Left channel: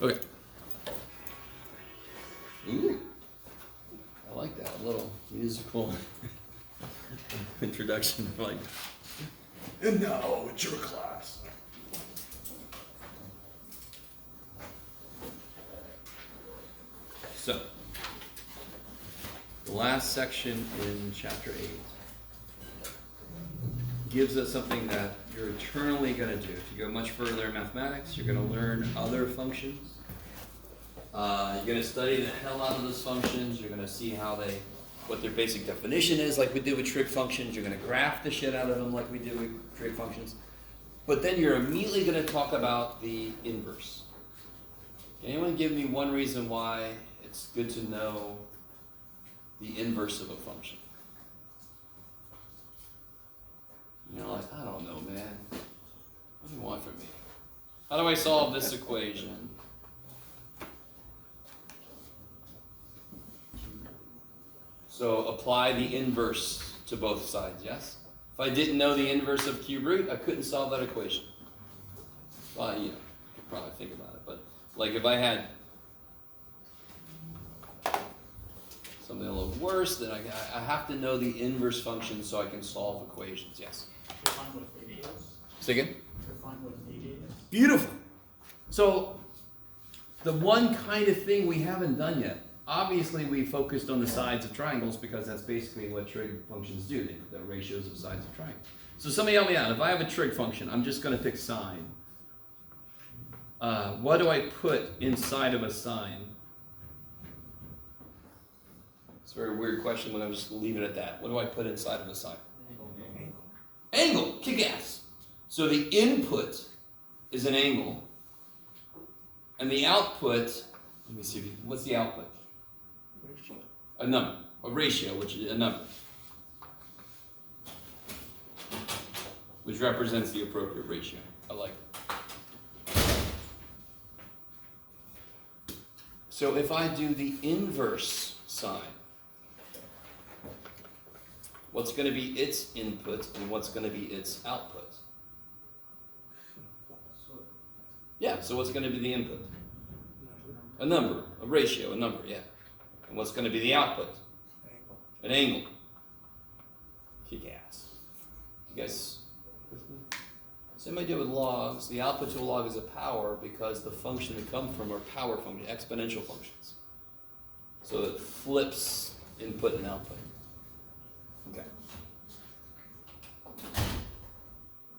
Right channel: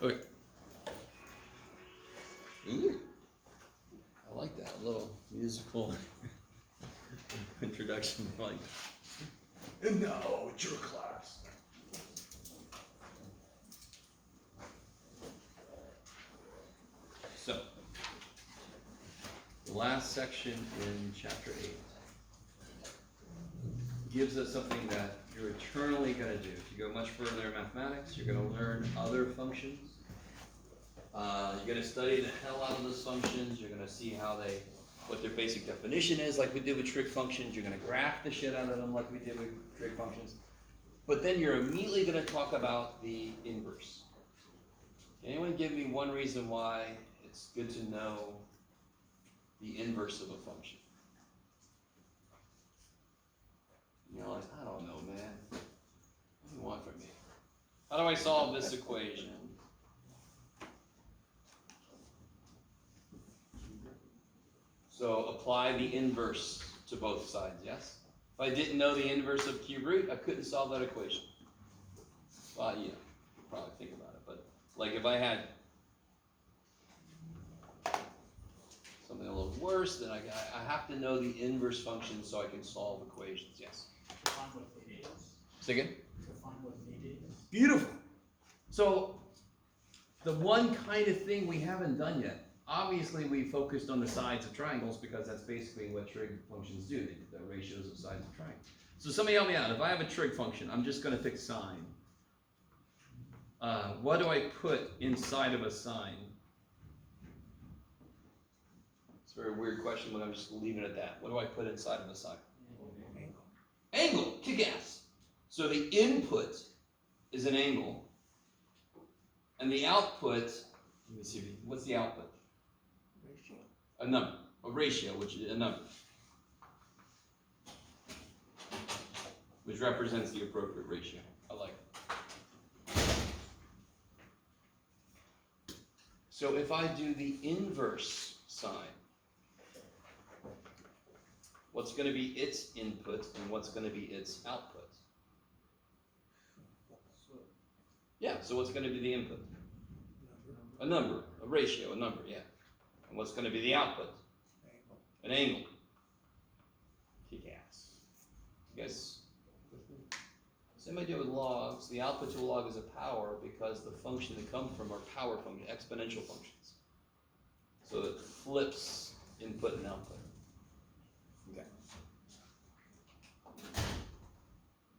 Okay. Ooh. I like that. A little musical introduction. Like, and now it's your class. So, the last section in chapter 8 gives us something that you're eternally going to do. If you go much further in mathematics, you're going to learn other functions. You're going to study the hell out of those functions. You're going to see what their basic definition is, like we did with trig functions. You're going to graph the shit out of them like we did with trig functions. But then you're immediately going to talk about the inverse. Can anyone give me one reason why it's good to know the inverse of a function? You're like, I don't know, man. What do you want from me? How do I solve this equation? So apply the inverse to both sides, yes? If I didn't know the inverse of cube root, I couldn't solve that equation. Well, you could probably think about it, but like if I had something a little worse, then I have to know the inverse function so I can solve equations, yes? Define what theta is. Say again? Define what theta is. Beautiful. So the one kind of thing we haven't done yet, obviously we focused on the sides of triangles because that's basically what trig functions do, the ratios of sides of triangles. So somebody help me out. If I have a trig function, I'm just going to pick sine. What do I put inside of a sine? It's a very weird question, but I'm just leaving it at that. What do I put inside of a sine? Angle. Kick ass. So the input is an angle, and the output, let me see, what's the output? Ratio. A number. A ratio, which is a number. Which represents the appropriate ratio. I like it. So if I do the inverse sine, what's going to be its input and what's going to be its output? Yeah, so what's going to be the input? A number, a ratio, a number, yeah. And what's going to be the output? An angle. Kick ass. You guys with me? Same idea with logs. The output to a log is a power because the function they come from are power functions, exponential functions. So it flips input and output. Okay.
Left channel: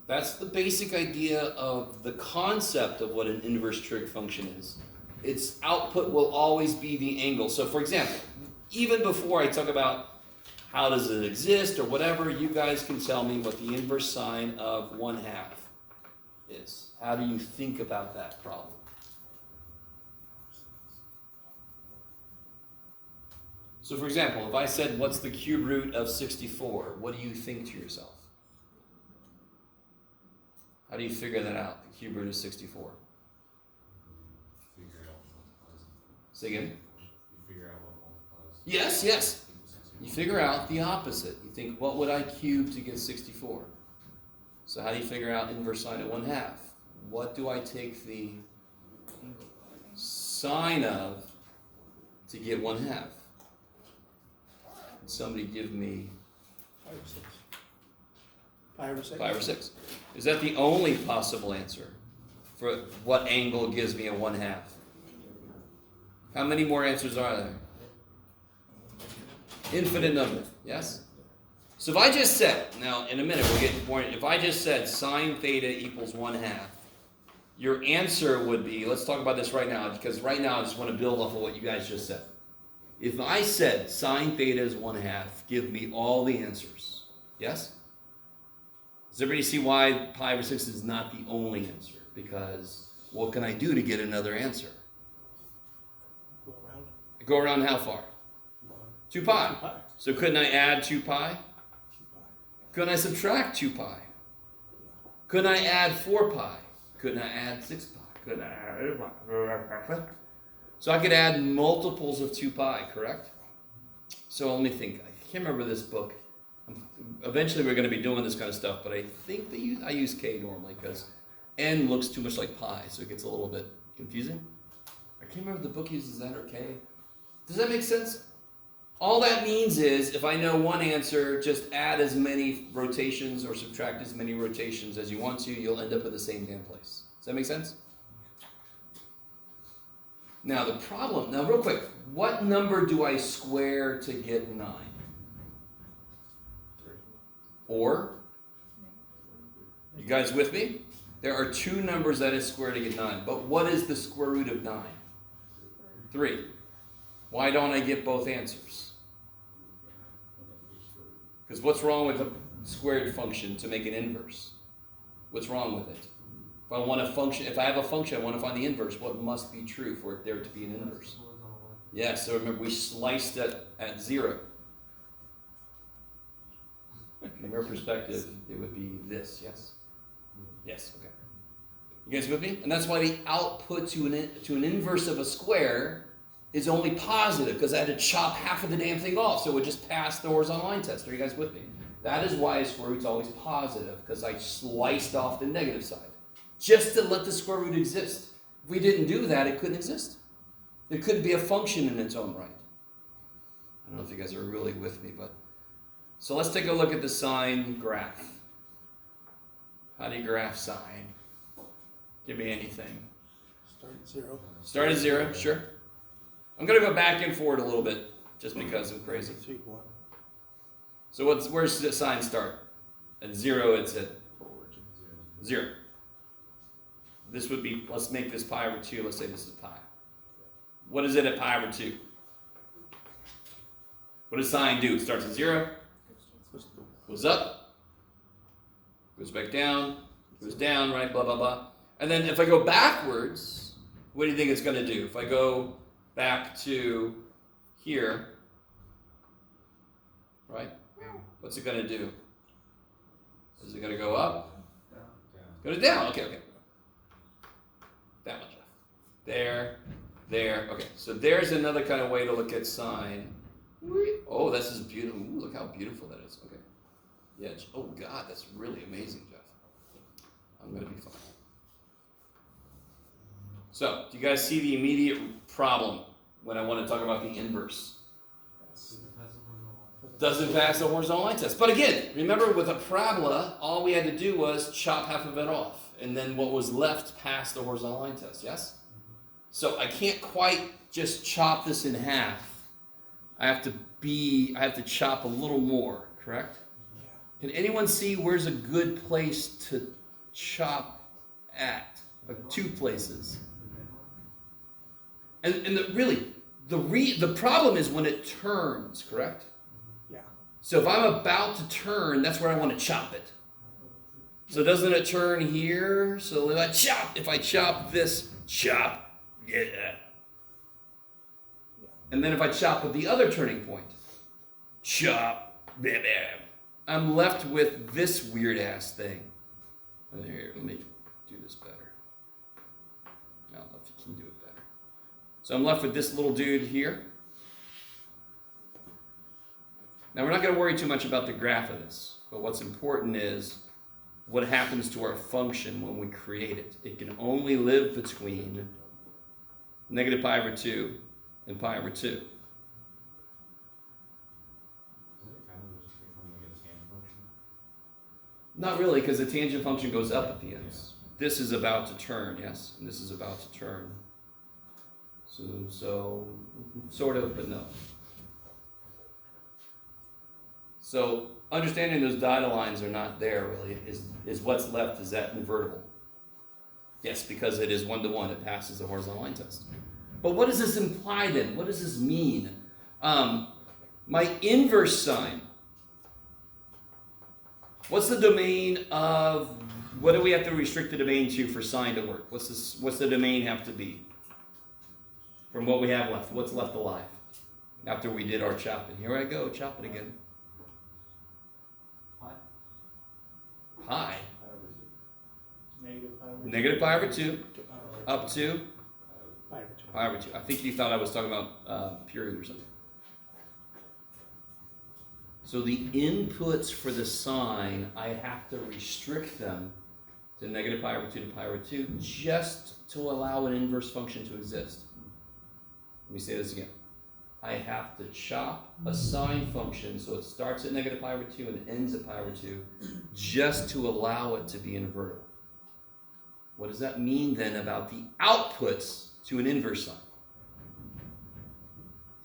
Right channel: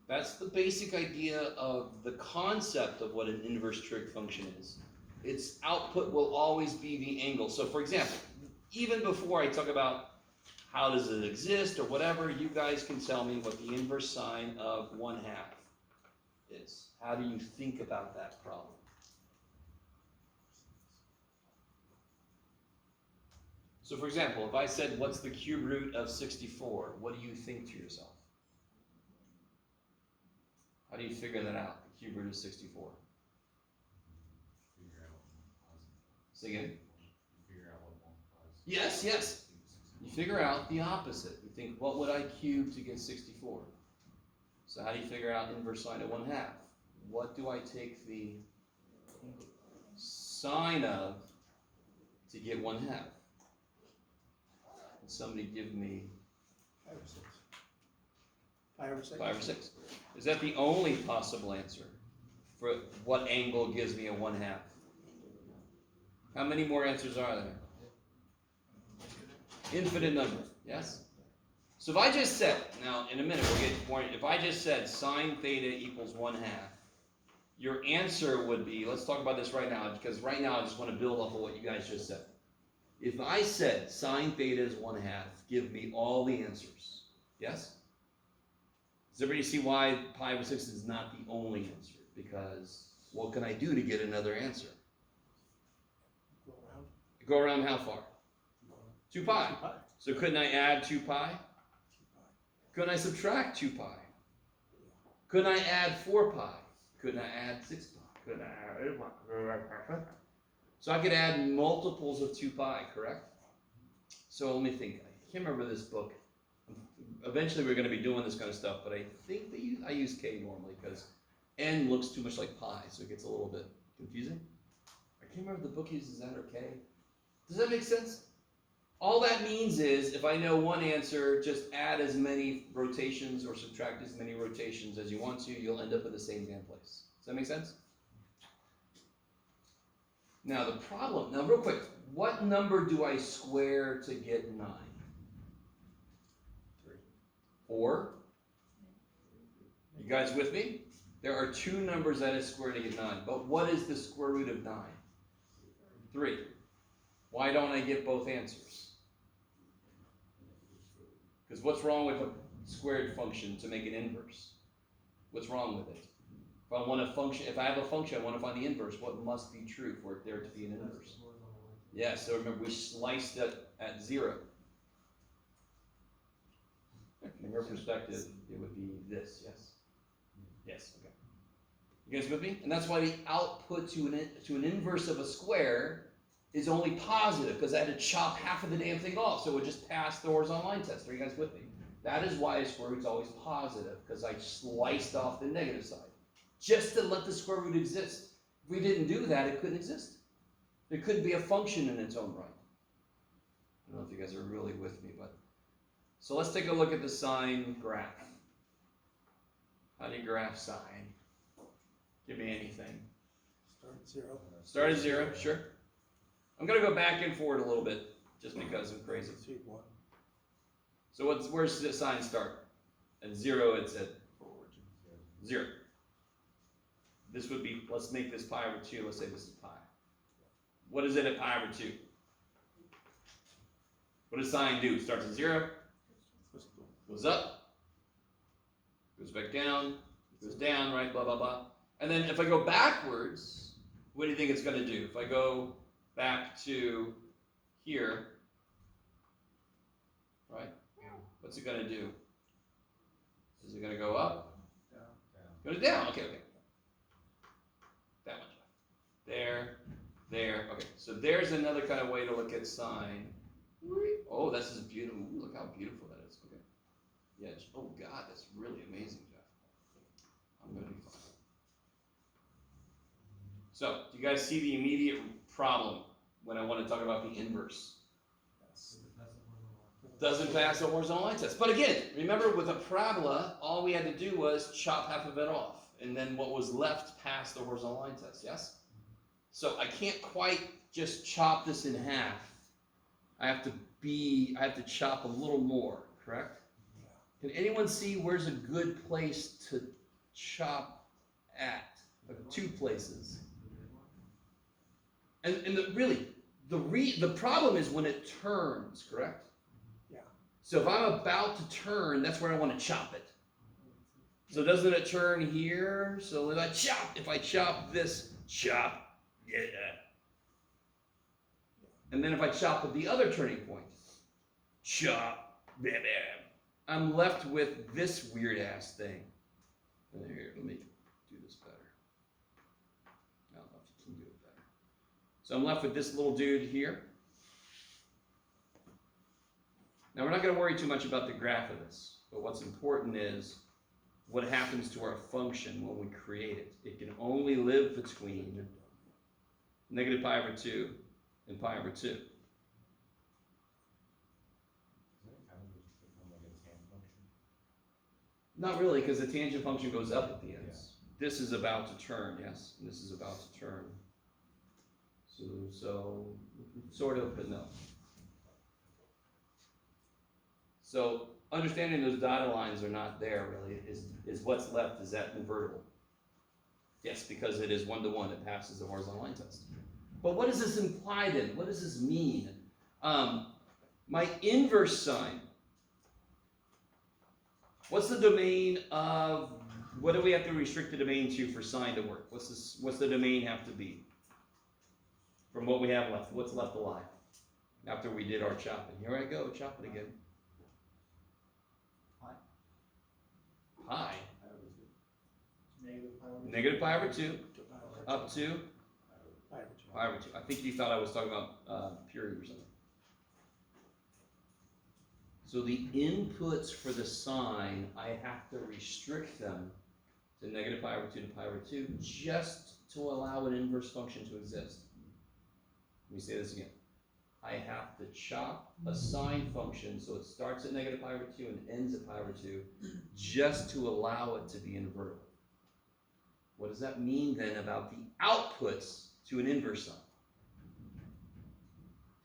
That's the basic idea of the concept of what an inverse trig function is. Its output will always be the angle. So for example, even before I talk about how does it exist or whatever, you guys can tell me what the inverse sine of 1/2 is. How do you think about that problem? So for example, if I said, what's the cube root of 64? What do you think to yourself? How do you figure that out, the cube root of 64? Figure out what multiplies. Say again? You figure out what multiplies. Yes, yes. You figure out the opposite. You think, what would I cube to get 64? So how do you figure out inverse sine of 1/2? What do I take the sine of to get 1/2? Can somebody give me 5 or 6. 5 or 6. 5 or 6? Is that the only possible answer for what angle gives me a 1/2? How many more answers are there? Infinite number, yes? So if I just said, now in a minute we'll get more, if I just said sine theta equals 1/2, your answer would be, let's talk about this right now, because right now I just want to build off of what you guys just said. If I said sine theta is 1/2, give me all the answers, yes? Does everybody see why 5 or 6 is not the only answer? Because what can I do to get another answer? Go around. Go around how far? 2 pi. 2 pi. So couldn't I add 2 pi? 2 pi. Couldn't I subtract 2 pi? Yeah. Couldn't I add 4 pi? Couldn't I add 6 pi? Couldn't I add... So I could add multiples of 2 pi, correct? So let me think. I can't remember this book. Eventually we're going to be doing this kind of stuff, but I think I use k normally because n looks too much like pi, so it gets a little bit confusing. I can't remember if the book uses that or K. Does that make sense? All that means is, if I know one answer, just add as many rotations or subtract as many rotations as you want to, you'll end up at the same damn place. Does that make sense? Now the problem, now real quick, what number do I square to get 9? 3. Or? You guys with me? There are 2 numbers that is squared to get 9, but what is the square root of 9? 3. Why don't I get both answers? Because what's wrong with a squared function to make an inverse? What's wrong with it? If I want a function, if I have a function, I want to find the inverse, what must be true for it there to be an inverse? Yes, so remember we sliced it at 0. From your perspective, it would be this, yes? Yes, okay. You guys with me? And that's why the output to an inverse of a square is only positive, because I had to chop half of the damn thing off, so it would just pass the horizontal line test. Are you guys with me? That is why a square root's always positive, because I sliced off the negative side, just to let the square root exist. If we didn't do that, it couldn't exist. It couldn't be a function in its own right. I don't know if you guys are really with me, but... So let's take a look at the sine graph. How do you graph sine? Give me anything. Start at 0. Start at 0, sure. I'm going to go back and forward a little bit, just because I'm crazy. 2, 1. So where's the sign start? At 0, it's at Origin. 0. This would be, let's make this pi over 2. Let's say this is pi. What is it at pi over 2? What does sine do? It starts at 0, goes up, goes back down, goes down, right, blah, blah, blah. And then if I go backwards, what do you think it's going to do? If I go back to here, right? What's it going to do? Is it going to go up? Go to down. Okay. That much. There. Okay, so there's another kind of way to look at sine. Oh, this is beautiful. Ooh, look how beautiful that is. Okay. Yeah. Oh, God, that's really amazing, Jeff. I'm going to be fine. So, do you guys see the immediate problem when I want to talk about the inverse? Doesn't pass the horizontal line test. But again, remember with a parabola, all we had to do was chop half of it off. And then what was left passed the horizontal line test, yes? So I can't quite just chop this in half. I have to chop a little more, correct? Yeah. Can anyone see where's a good place to chop at? Like 2 places. And the problem is when it turns, correct? Yeah. So if I'm about to turn, that's where I want to chop it. So doesn't it turn here? So if I chop this, chop, yeah. And then if I chop at the other turning point, chop, blah, blah, I'm left with this weird ass thing. Here, let me do this better. I don't know if you can do it better. So I'm left with this little dude here. Now we're not going to worry too much about the graph of this, but what's important is what happens to our function when we create it. It can only live between negative pi over 2 and pi over 2. Doesn't it kind of just become like a tangent function? Not really, because the tangent function goes up at the ends. This is about to turn, yes, and this is about to turn. So sort of, but no. So understanding those dotted lines are not there really is what's left is that invertible. Yes, because it is 1-to-1, it passes the horizontal line test. But what does this imply then? What does this mean? My inverse sign. What's the domain of, what do we have to restrict the domain to for sine to work? What's the domain have to be? From what we have left, what's left alive? After we did our chopping. Here I go, chop it again. Pi. Negative pi over 2. Up to pi over 2. I think you thought I was talking about period or something. So the inputs for the sine, I have to restrict them to negative pi over 2 to pi over 2 just to allow an inverse function to exist. Let me say this again. I have to chop a sine function so it starts at negative pi over 2 and ends at pi over 2 just to allow it to be invertible. What does that mean then about the outputs to an inverse sine?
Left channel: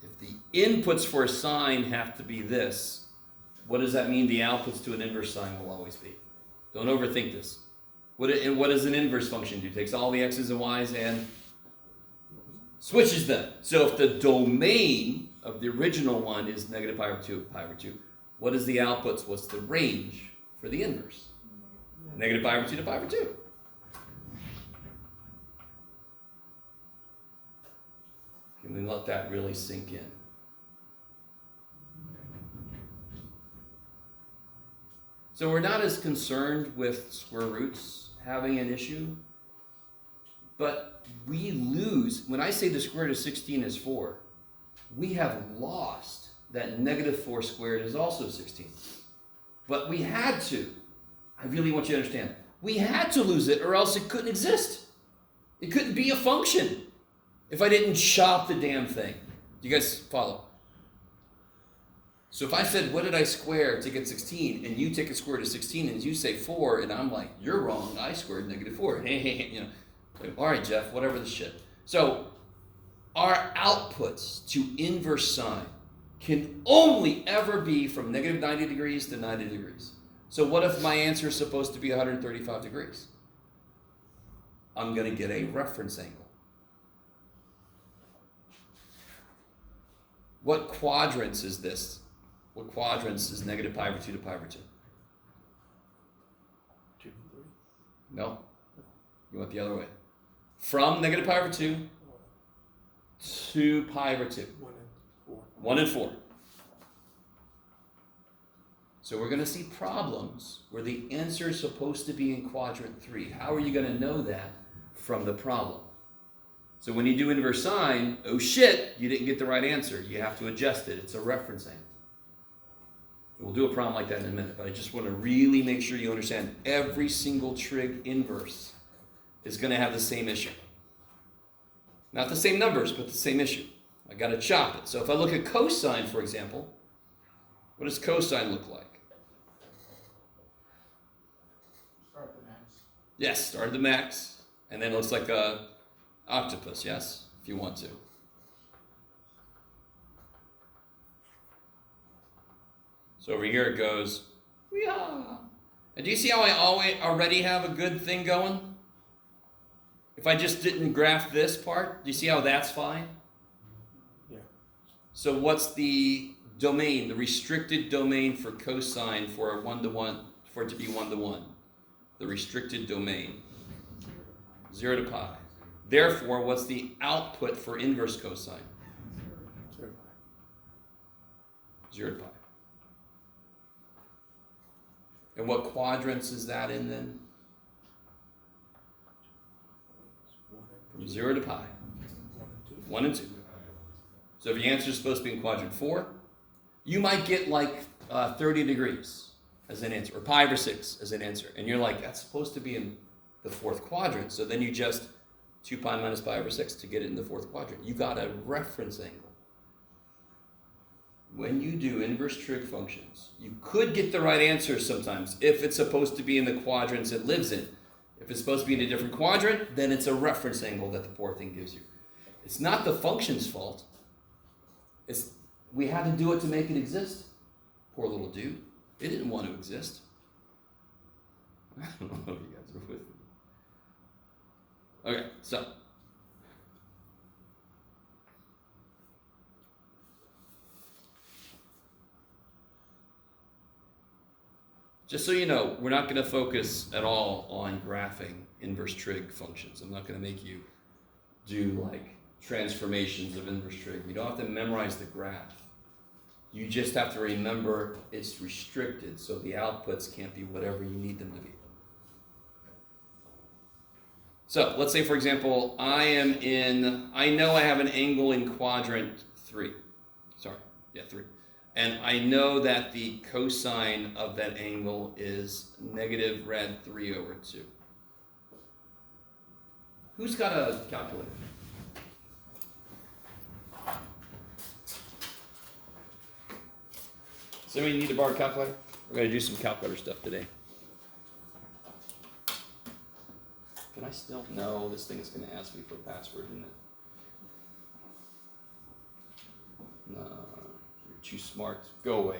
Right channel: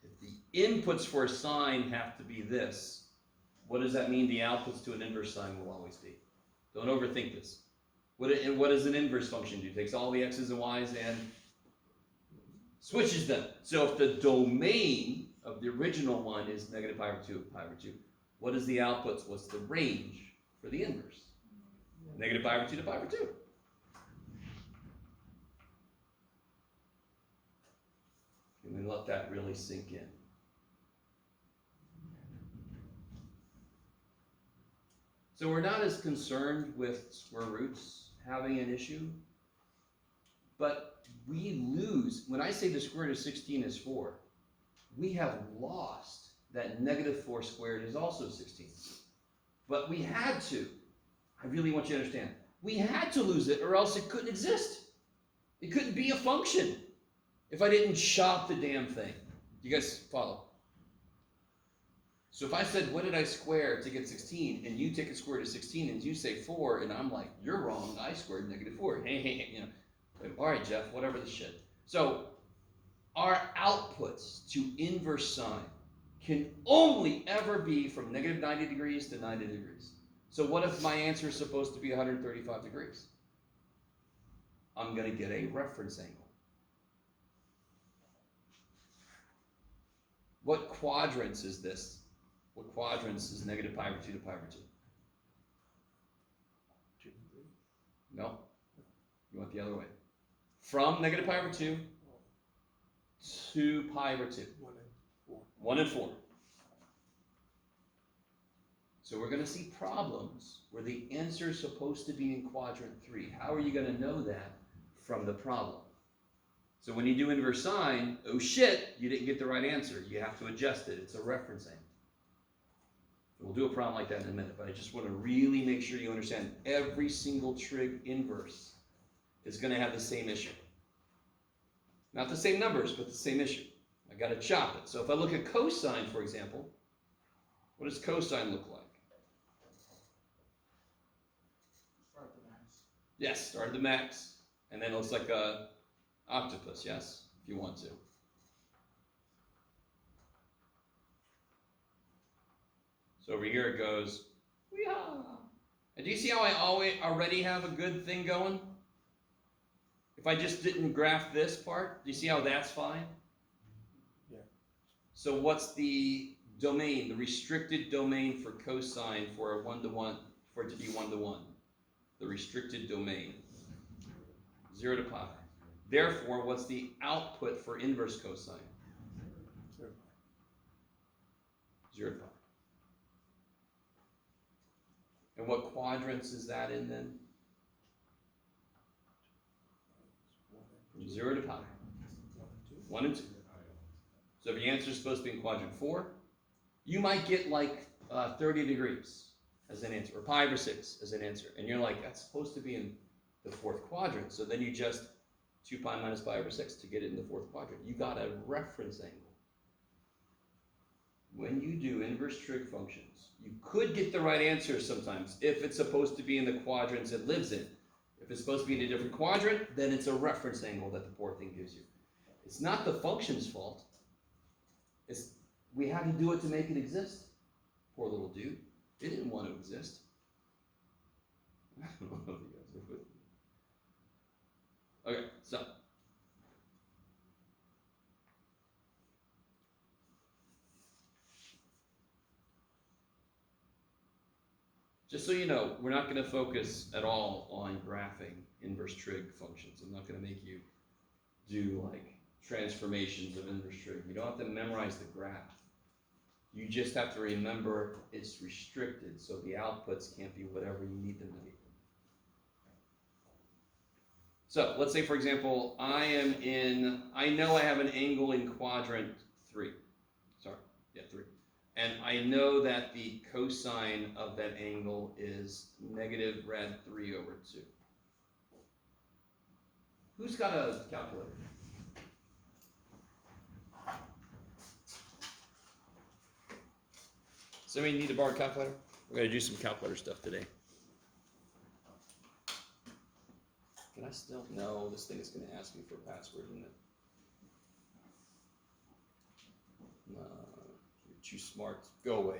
If the inputs for a sine have to be this, what does that mean the outputs to an inverse sine will always be? Don't overthink this. What does an inverse function do? It takes all the x's and y's and switches them. So if the domain of the original one is negative pi over 2, pi over 2, what is the outputs? What's the range for the inverse? Negative pi over 2 to pi over 2. Can we let that really sink in? So we're not as concerned with square roots having an issue, but we lose, when I say the square root of 16 is 4, we have lost that negative 4 squared is also 16. But we had to. I really want you to understand. We had to lose it or else it couldn't exist. It couldn't be a function if I didn't chop the damn thing. Do you guys follow? So if I said, what did I square to get 16, and you take a square root of 16 and you say 4, and I'm like, you're wrong, I squared negative 4. You know. All right, Jeff, whatever the shit. So our outputs to inverse sine can only ever be from negative 90 degrees to 90 degrees. So what if my answer is supposed to be 135 degrees? I'm going to get a reference angle. What quadrants is this? What quadrants is negative pi over 2 to pi over 2? 2 and 3. No. You went the other way. From negative pi over 2 to pi over 2. 1 and 4. 1 and 4. So we're going to see problems where the answer is supposed to be in quadrant 3. How are you going to know that from the problem? So when you do inverse sine, oh shit, you didn't get the right answer. You have to adjust it. It's a reference angle. We'll do a problem like that in a minute, but I just want to really make sure you understand every single trig inverse is going to have the same issue. Not the same numbers, but the same issue. I got to chop it. So if I look at cosine, for example, what does cosine look like? Start the max. Yes, start at the max, and then it looks like a octopus, yes, if you want to. So over here it goes, yeah. And do you see how I already have a good thing going? If I just didn't graph this part, do you see how that's fine? Yeah. So what's the domain, the restricted domain for cosine for a 1-to-1, for it to be 1-to-1? The restricted domain, 0 to pi. Therefore, what's the output for inverse cosine? 0 to pi. 0 to pi. And what quadrants is that in then? From 0 to pi. 1 and 2. So if your answer is supposed to be in quadrant 4, you might get like 30 degrees as an answer, or pi over 6 as an answer. And you're like, that's supposed to be in the 4th quadrant. So then you just 2 pi minus pi over 6 to get it in the 4th quadrant. You got a reference angle. When you do inverse trig functions, you could get the right answer sometimes if it's supposed to be in the quadrants it lives in. If it's supposed to be in a different quadrant, then it's a reference angle that the poor thing gives you. It's not the function's fault. We had to do it to make it exist. Poor little dude. It didn't want to exist. I don't know if you guys are with me. Okay, so. Just so you know, we're not going to focus at all on graphing inverse trig functions. I'm not going to make you do like transformations of inverse trig. You don't have to memorize the graph. You just have to remember it's restricted, so the outputs can't be whatever you need them to be. So let's say, for example, I know I have an angle in quadrant 3. 3. And I know that the cosine of that angle is negative rad 3 over 2. Who's got a calculator? Somebody need to borrow a calculator? We're gonna do some calculator stuff today. Can I still? No, this thing is gonna ask me for a password, isn't it? No, you're too smart. Go away,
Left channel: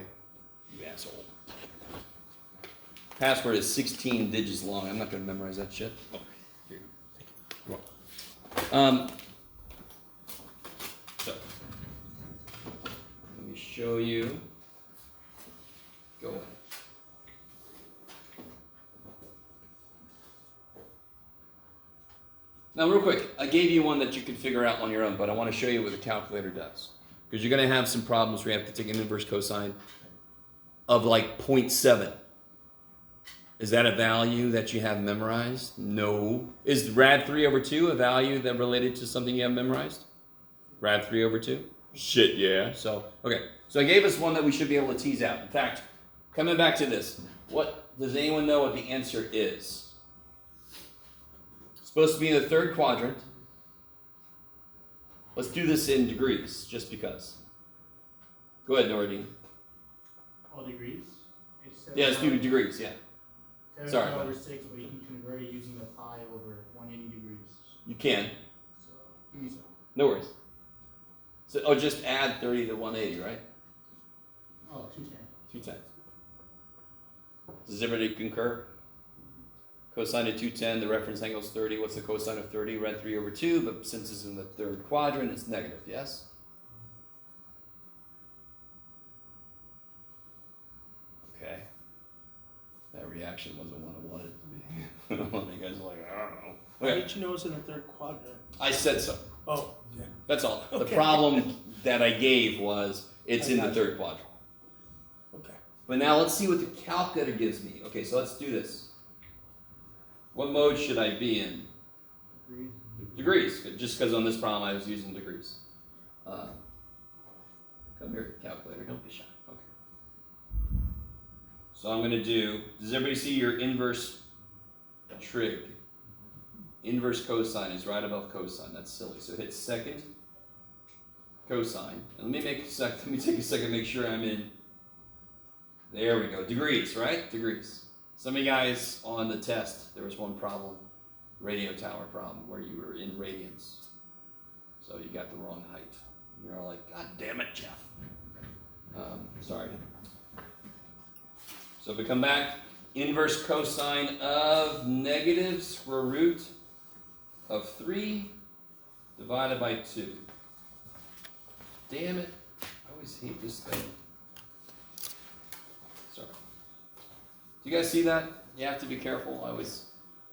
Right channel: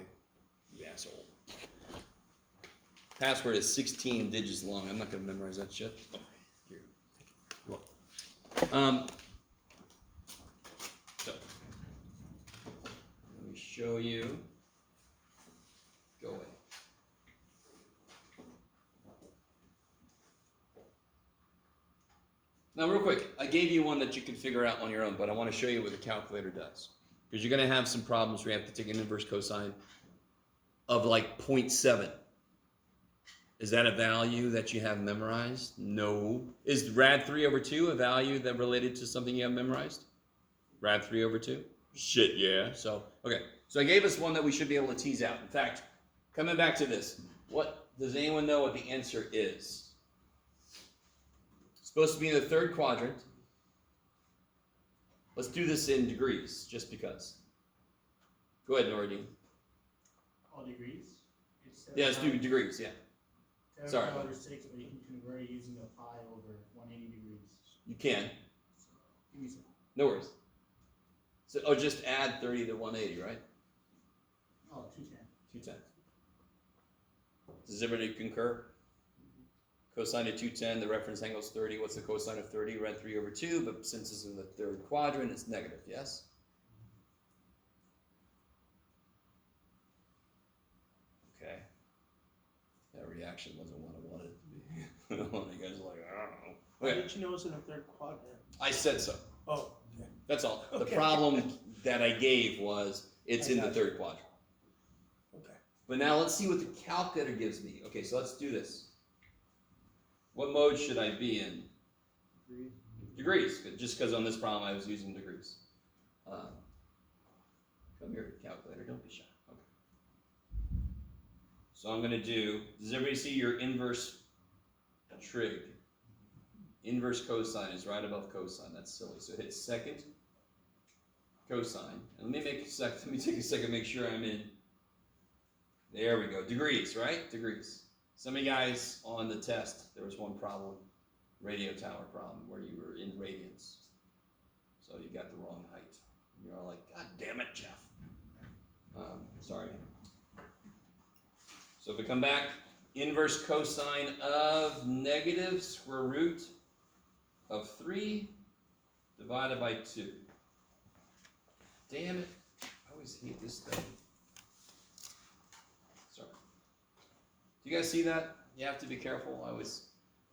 you asshole. Password is 16 digits long. I'm not gonna memorize that shit. Oh, here you go. So, let me show you. Go away. Now, real quick, I gave you one that you can figure out on your own, but I want to show you what the calculator does. Because you're going to have some problems where you have to take an inverse cosine of like 0.7. Is that a value that you have memorized? No. Is rad 3 over 2 a value that related to something you have memorized? Rad 3 over 2? Shit, yeah. So, okay. So I gave us one that we should be able to tease out. In fact, coming back to this, what does anyone know what the answer is? It's supposed to be in the third quadrant. Let's do this in degrees, just because. Go ahead, Nordine. All degrees? Yeah, let's do degrees, yeah. Sorry. 7 over 6, but you can convert it using the pi over 180 degrees. You can. So, give me some. No worries. So, just add 30 to 180, right? Oh, 210. 210. Does everybody concur? Cosine of 210, the reference angle is 30. What's the cosine of 30? Rad 3 over 2, but since it's in the third quadrant, it's negative, yes? Okay. That reaction wasn't what I wanted it to be. You guys are like, I don't know. How Okay. did you know it's in the third quadrant? I said so. Oh, yeah. That's all. The Okay. problem that I gave was it's I in the got you. third quadrant. Okay. But now let's see what the calculator gives me. Okay, so let's do this. What mode should I be in? Degrees. Just because on this problem I was using degrees. Come here, calculator. Don't be shy. Okay. So I'm going to do, does everybody see your inverse trig? Inverse cosine is right above cosine. That's silly. So hit second cosine. And let me take a second to make sure I'm in. There we go. Degrees, right? Degrees. Some of you guys on the test, there was one problem, radio tower problem, where you were in radians. So you got the wrong height. You're all like, God damn it, Jeff. Sorry. So if we come back, inverse cosine of negative square root of 3 divided by 2. Damn it. I always hate this thing. Sorry. Do you guys see that? You have to be careful. I always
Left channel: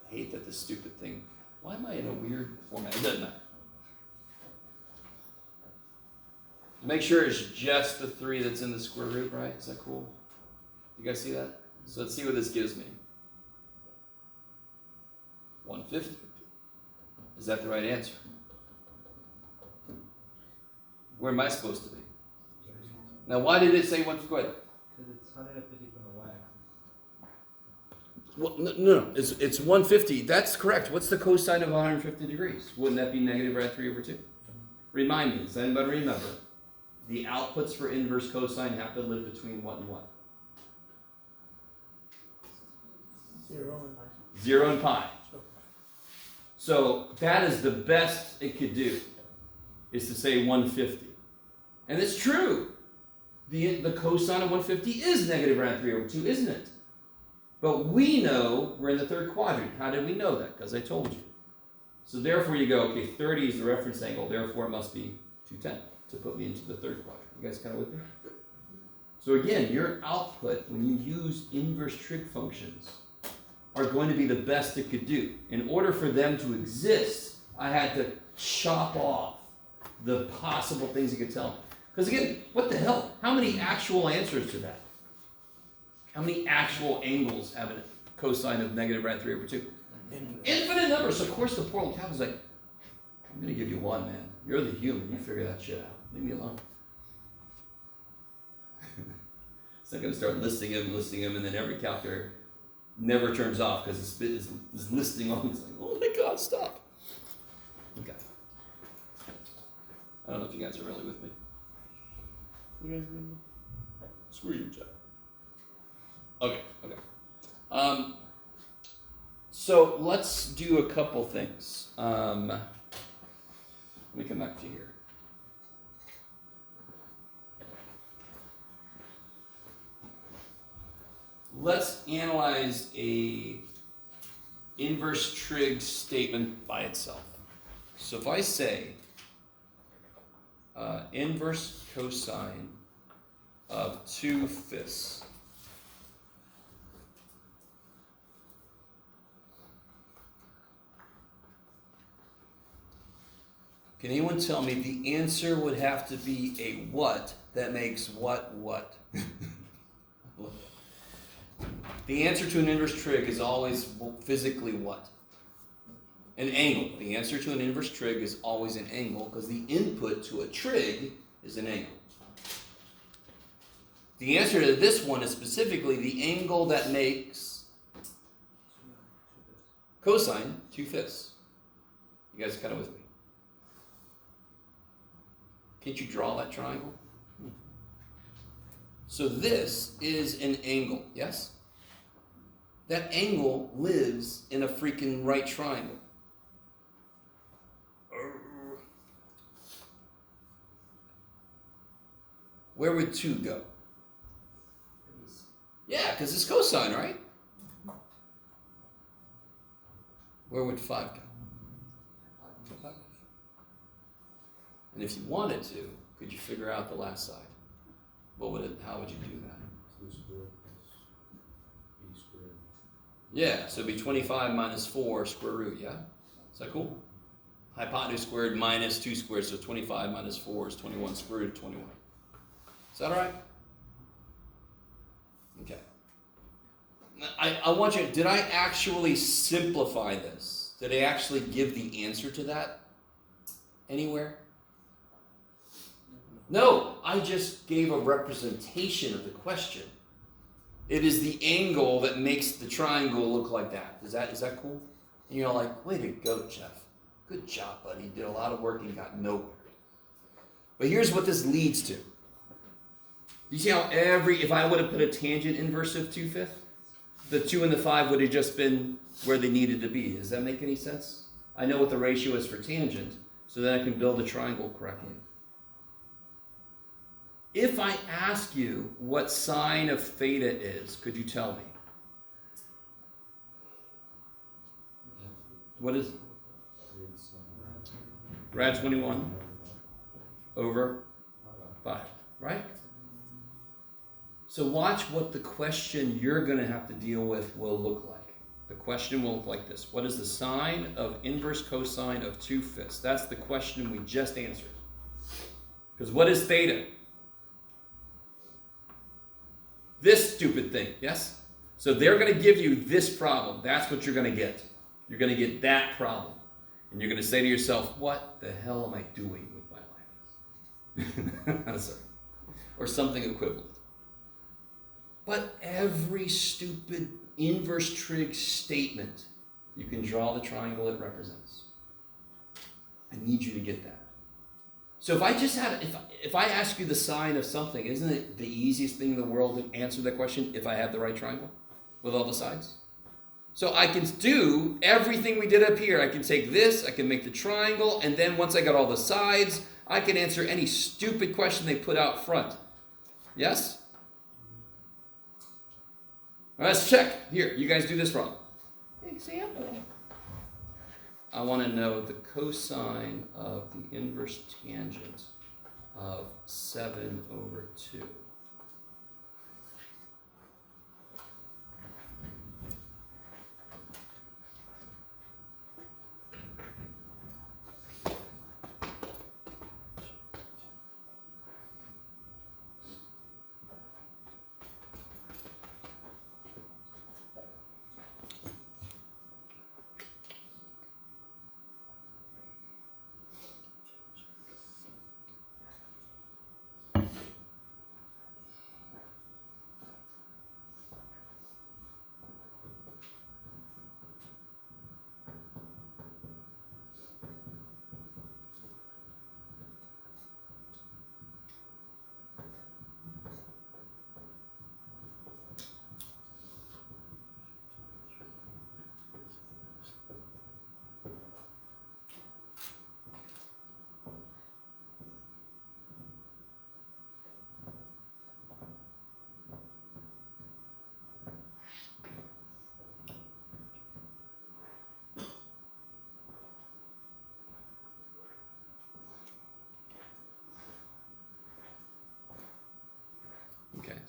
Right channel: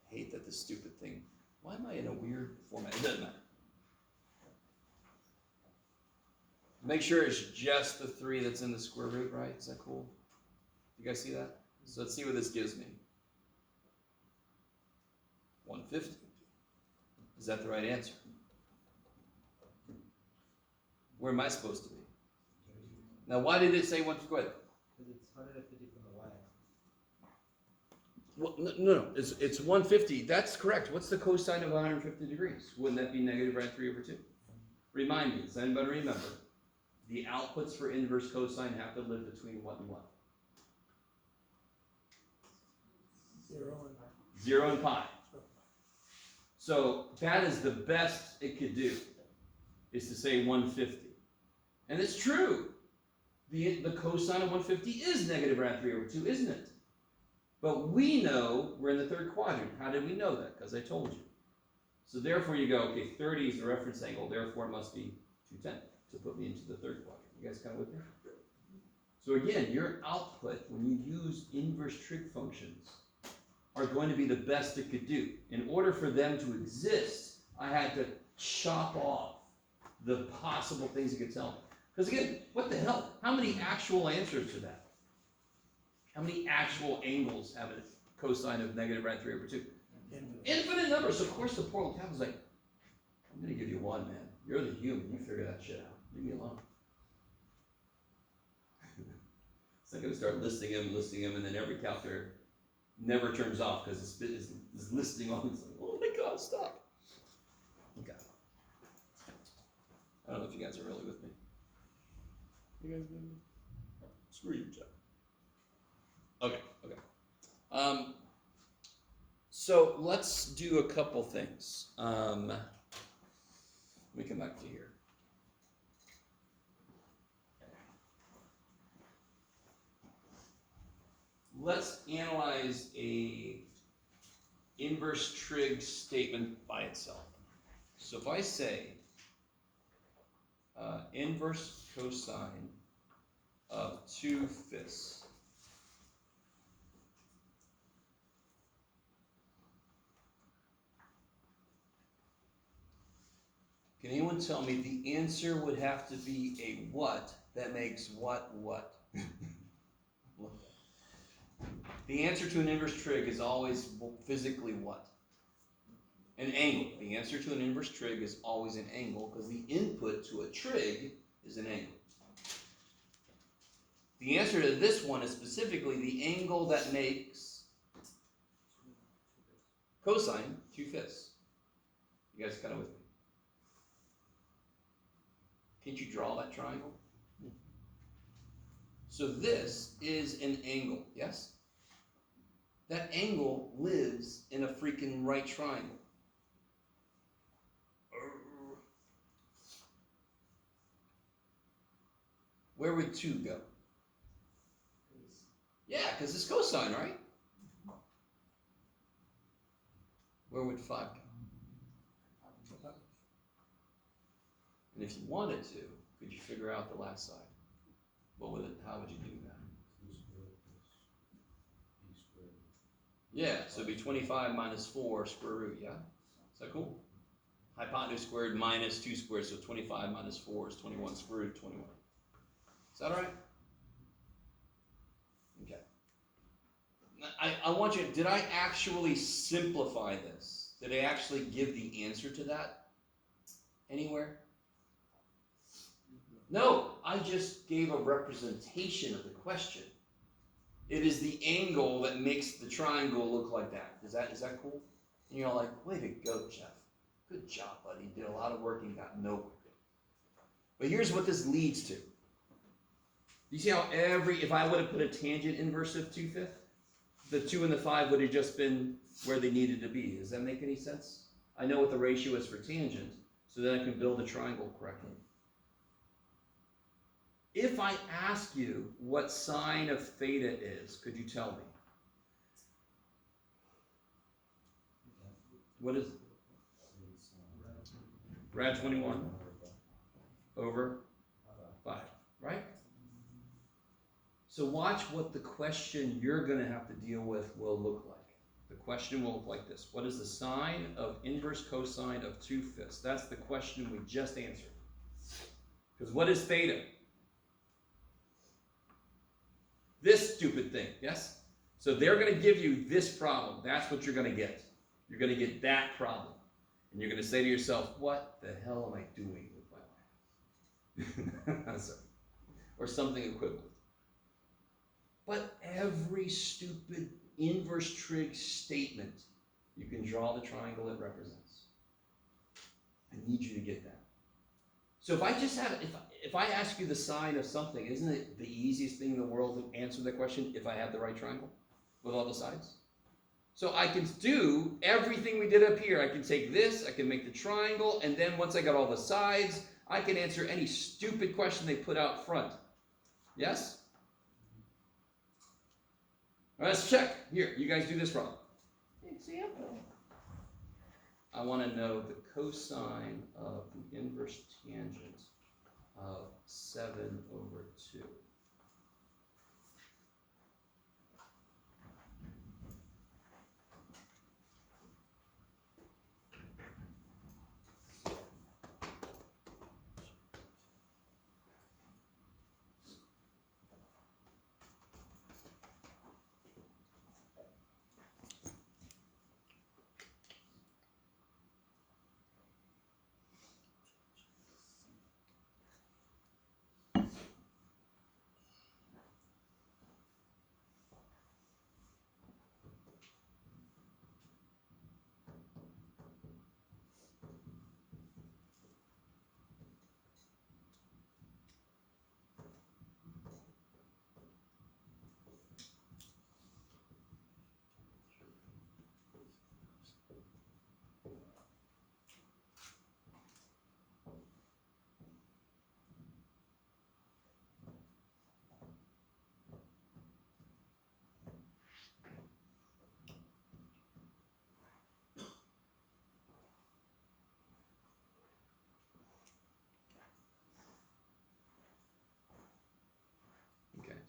hate that this stupid thing. Why am I in a weird format? It doesn't matter. Make sure it's just the 3 that's in the square root, right? Is that cool? You guys see that? So let's see what this gives me. 150. Is that the right answer? Where am I supposed to be? Now, why did it say 150? Go ahead. Because it's 150 from the y. Well, no. It's 150. That's correct. What's the cosine of 150 degrees? Wouldn't that be negative rad 3 over 2? Remind me. Does anybody remember? The outputs for inverse cosine have to live between what and what? 0 and 0 and pi. So that is the best it could do, is to say 150. And it's true. The cosine of 150 is negative rad 3 over 2, isn't it? But we know we're in the third quadrant. How did we know that? Because I told you. So therefore you go, okay, 30 is the reference angle, therefore it must be 210 to put me into the third quadrant. You guys kind of with me? So again, your output, when you use inverse trig functions, are going to be the best it could do. In order for them to exist, I had to chop off the possible things it could tell me. Because again, what the hell? How many actual answers to that? How many actual angles have a cosine of negative rad 3 over 2? Infinite numbers. So of course the poor little cat was like, I'm going to give you one, man. You're the human. You figure that shit out. Leave me alone. So I'm going to start listing them, and then every calculator never turns off because it's listing on. It's like, oh my God, stop. Okay. I don't know if you guys are really with me. You guys with me? Screw you, Jeff. So let's do a couple things. Let me come back to here. Let's analyze a inverse trig statement by itself. So if I say inverse cosine of 2/5, can anyone tell me the answer would have to be a what that makes what? The answer to an inverse trig is always physically what? An angle. The answer to an inverse trig is always an angle because the input to a trig is an angle. The answer to this one is specifically the angle that makes cosine 2/5. You guys kind of with me? Can't you draw that triangle? So this is an angle, yes? That angle lives in a freaking right triangle. Where would 2 go? Yeah, because it's cosine, right? Where would 5 go? And if you wanted to, could you figure out the last side? How would you do that? 2 squared plus b squared. Yeah, so it'd be 25 minus 4 square root, yeah? Is that cool? Hypotenuse squared minus 2 squared, so 25 minus 4 is 21 square root of 21. Is that all right? Okay. I want you, did I actually simplify this? Did I actually give the answer to that anywhere? No, I just gave a representation of the question. It is the angle that makes the triangle look like that. Is that cool? And you're like, way to go, Jeff. Good job, buddy. You did a lot of work and got nowhere. But here's what this leads to. You see how if I would have put a tangent inverse of 2/5, the 2 and the 5 would have just been where they needed to be. Does that make any sense? I know what the ratio is for tangent, so then I can build a triangle correctly. If I ask you what sine of theta is, could you tell me? What is it? It's Rad 21 over 5, right? So watch what the question you're going to have to deal with will look like. The question will look like this. What is the sine of inverse cosine of 2/5? That's the question we just answered. Because what is theta? This stupid thing, yes? So they're going to give you this problem. That's what you're going to get. You're going to get that problem. And you're going to say to yourself, what the hell am I doing with my life? Sorry. Or something equivalent. But every stupid inverse trig statement, you can draw the triangle it represents. I need you to get that. So if I ask you the sine of something, isn't it the easiest thing in the world to answer that question if I had the right triangle with all the sides? So I can do everything we did up here. I can take this, I can make the triangle, and then once I got all the sides, I can answer any stupid question they put out front. Yes? Let's check. Here, you guys do this wrong. Example. I want to know the cosine of the inverse tangent of 7 over 2.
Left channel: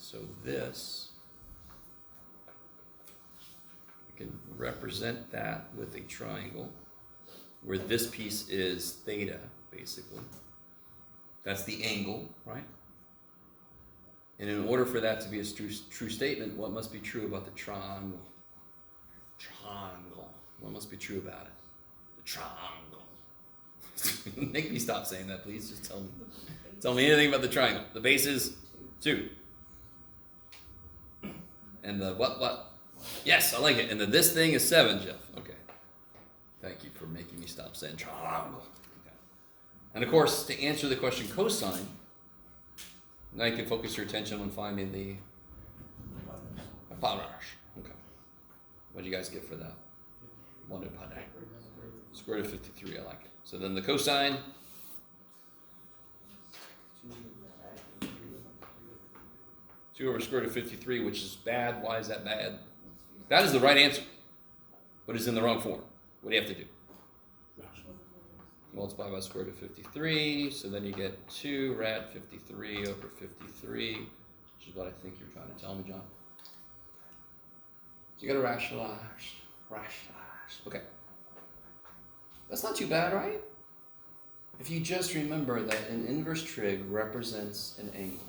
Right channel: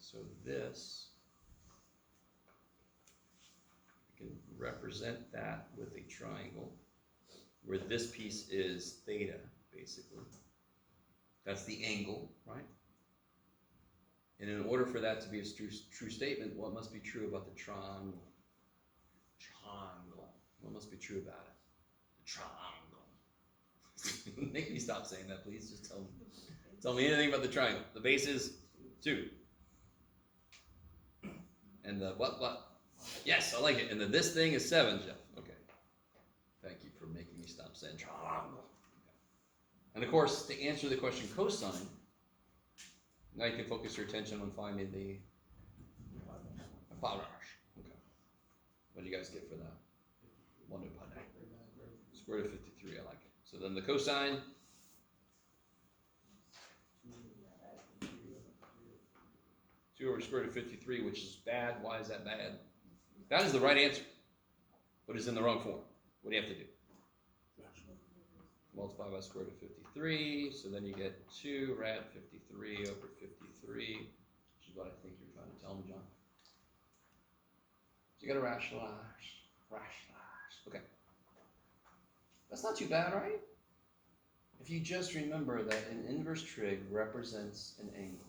so this, we can represent that with a triangle, where this piece is theta, basically. That's the angle, right? And in order for that to be a true statement, what must be true about the triangle? Triangle. What must be true about it? The triangle. Make me stop saying that, please. Just tell me. Tell me anything about the triangle. The base is 2. And the what? Yes, I like it. And the this thing is 7, Jeff. Okay. Thank you for making me stop saying triangle. Okay. And of course, to answer the question cosine, now you can focus your attention on finding the hypotenuse. Okay. What do you guys get for that? 1 hypotenuse. Square root of 53, I like it. So then the cosine, two over square root of 53, which is bad. Why is that bad? That is the right answer, but it's in the wrong form. What do you have to do? Multiply by square root of 53, so then you get 2 rad 53 over 53, which is what I think you're trying to tell me, John. So you gotta rationalize. Okay. That's not too bad, right? If you just remember that an inverse trig represents an angle.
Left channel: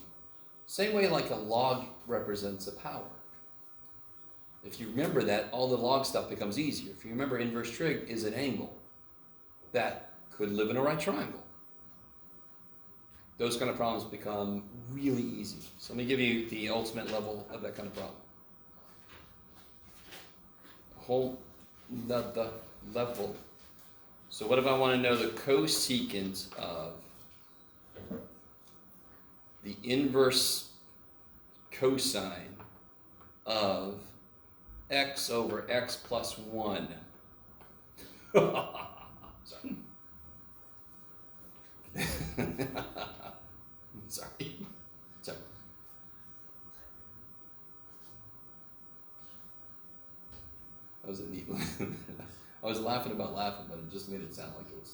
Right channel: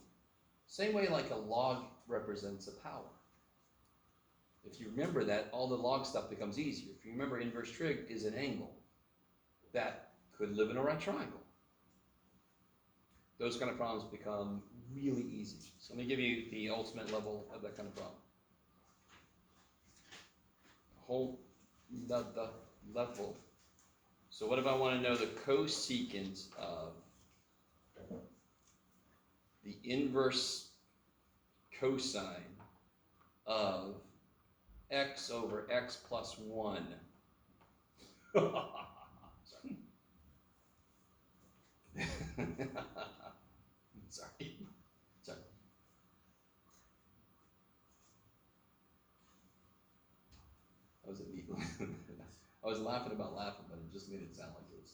Same way like a log represents a power. If you remember that, all the log stuff becomes easier. If you remember inverse trig is an angle that could live in a right triangle. Those kind of problems become really easy. So let me give you the ultimate level of that kind of problem. The level. So what if I want to know the cosecant of the inverse cosine of x over x plus 1? Sorry. Sorry. That was a neat one. I was laughing about laughing, but it just made it sound like it was.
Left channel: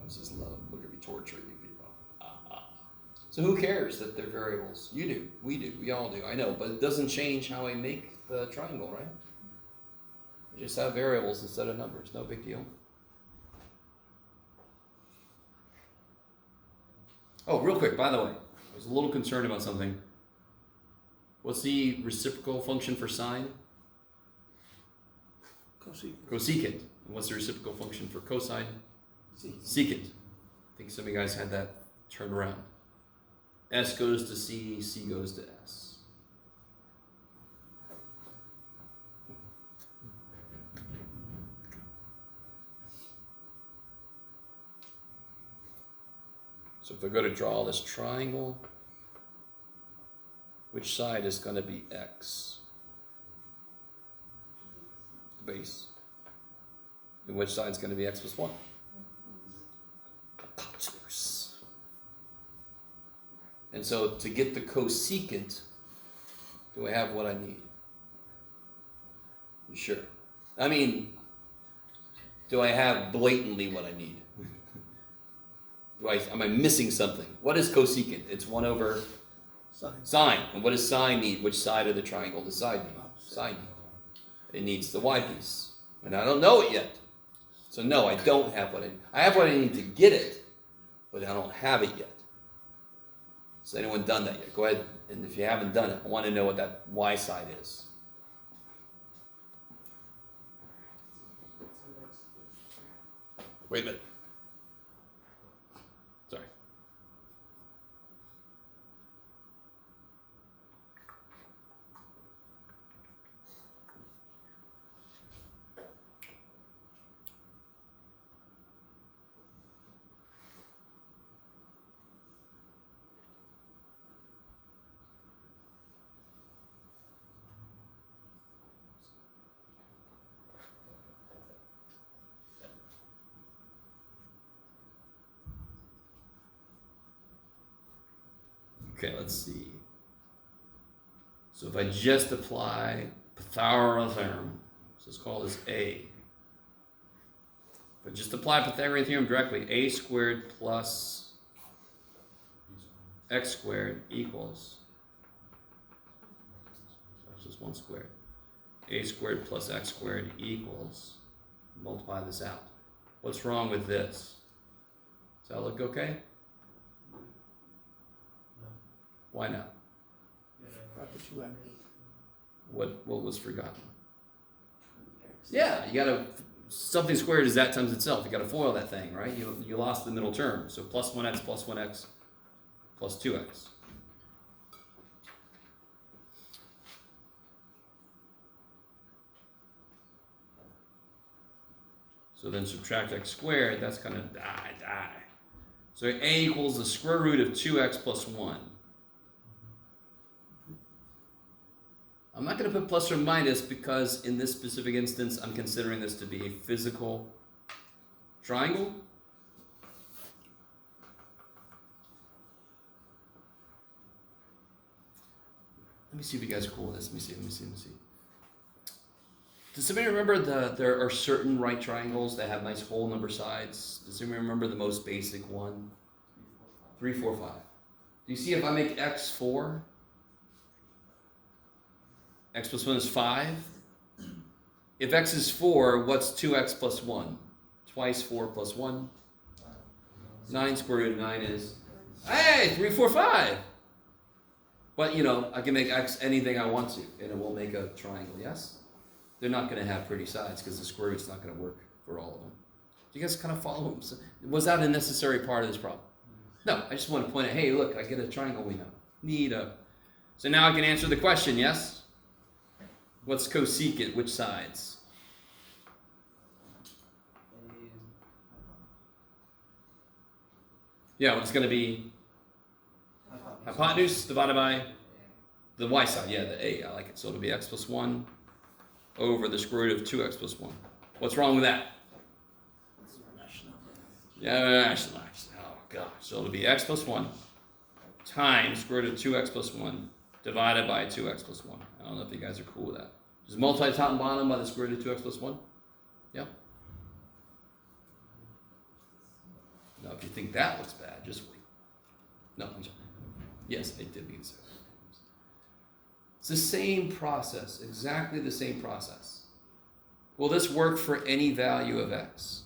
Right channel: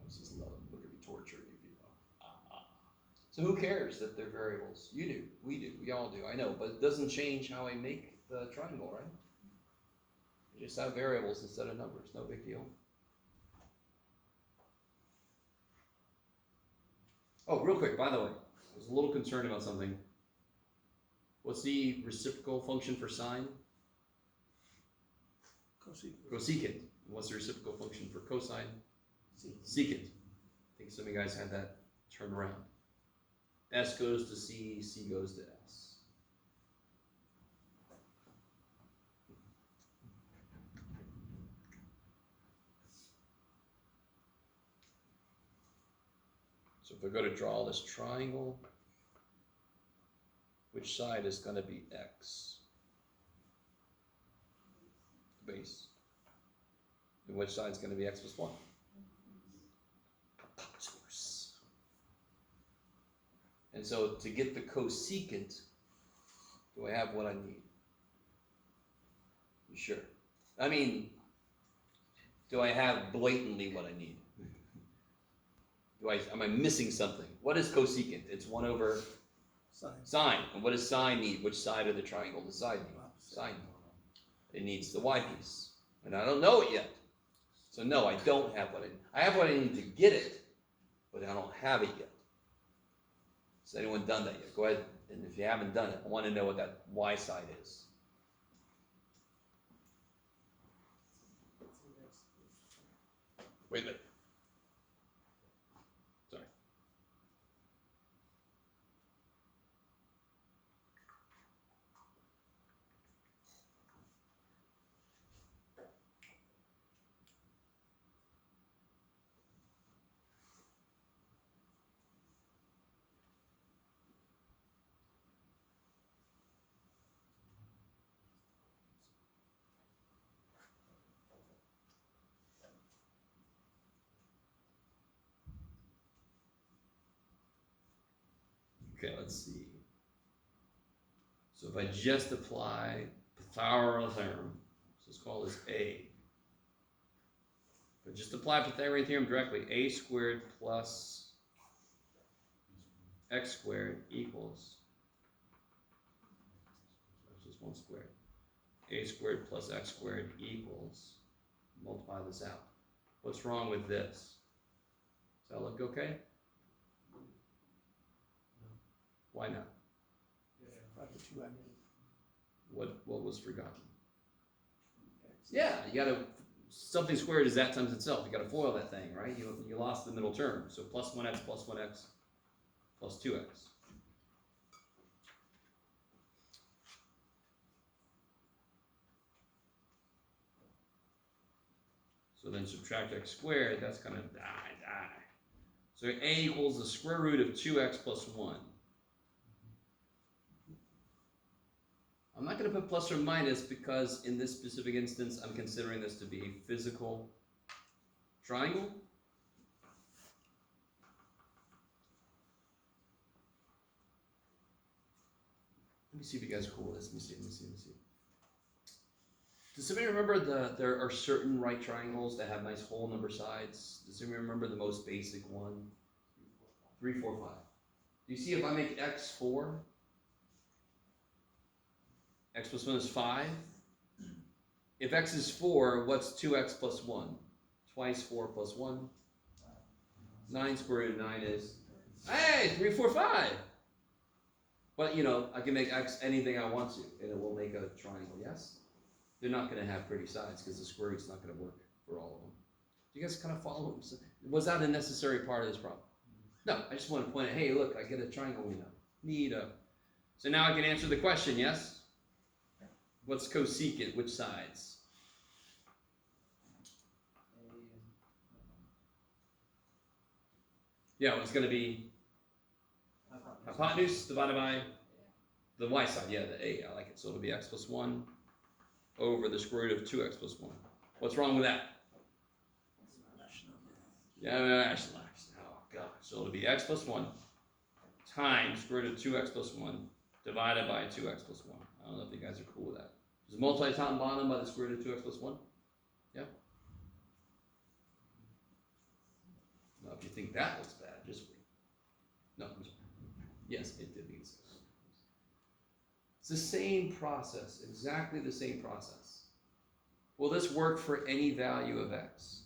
I was just looking to be torturing you people. So who cares that they're variables? You do, we all do. I know, but it doesn't change how I make the triangle, right? I just have variables instead of numbers. No big deal. Oh, real quick, by the way, I was a little concerned about something. What's the reciprocal function for sine? Cosecant. And what's the reciprocal function for cosine? Secant. I think some of you guys had that turned around. S goes to C, C goes to S. So if I go to draw this triangle, which side is going to be X? The base. And which side is going to be X plus 1? Hypotenuse. And so to get the cosecant, do I have what I need? You sure? I mean, do I have blatantly what I need? Am I missing something? What is cosecant? It's 1 over sine. And what does sine need? Which side of the triangle does sine need? Sine need. It needs the y piece. And I don't know it yet. So no, I don't have what I need. I have what I need to get it, but I don't have it yet. Has anyone done that yet? Go ahead, and if you haven't done it, I want to know what that y side is. Wait a minute. Sorry. Okay, let's see. So if I just apply Pythagorean theorem, so let's call this A. If I just apply Pythagorean theorem directly, a squared plus x squared equals equals 1 squared. A squared plus x squared equals, multiply this out. What's wrong with this? Does that look okay? Why not? Got the 2x. What was forgotten? Yeah, you gotta, something squared is that times itself. You gotta FOIL that thing, right? You lost the middle term. So plus 1x plus 1x plus 2x. So then subtract x squared, that's gonna die. So a equals the square root of 2x plus 1. I'm not going to put plus or minus because in this specific instance, I'm considering this to be a physical triangle. Let me see if you guys are cool with this. Let me see. Does anybody remember there are certain right triangles that have nice whole number sides? Does anybody remember the most basic one? 3, 4, 5. Do you see if I make x 4? X plus 1 is 5. If x is 4, what's 2x plus 1? Twice 4 plus 1. 9 square root of 9 is, hey, 3, 4, 5. But, you know, I can make x anything I want to, and it will make a triangle, yes? They're not going to have pretty sides because the square root's not going to work for all of them. Do you guys kind of follow? Was that a necessary part of this problem? No, I just want to point out, hey, look, I get a triangle we know. Neato. So now I can answer the question, yes? What's cosecant? Which sides? Yeah, it's going to be hypotenuse divided by the y side. Yeah, the a. I like it. So it'll be x plus 1 over the square root of 2x plus 1. What's wrong with that? Yeah, oh gosh. So it'll be x plus 1 times square root of 2x plus 1 divided by 2x plus 1. I don't know if you guys are cool with that. Just multiply top and bottom by the square root of 2x plus 1. Yeah? Now, if you think that looks bad, just wait. No, I'm sorry. Yes, I did mean so. It's the same process, exactly the same process. Will this work for any value of x?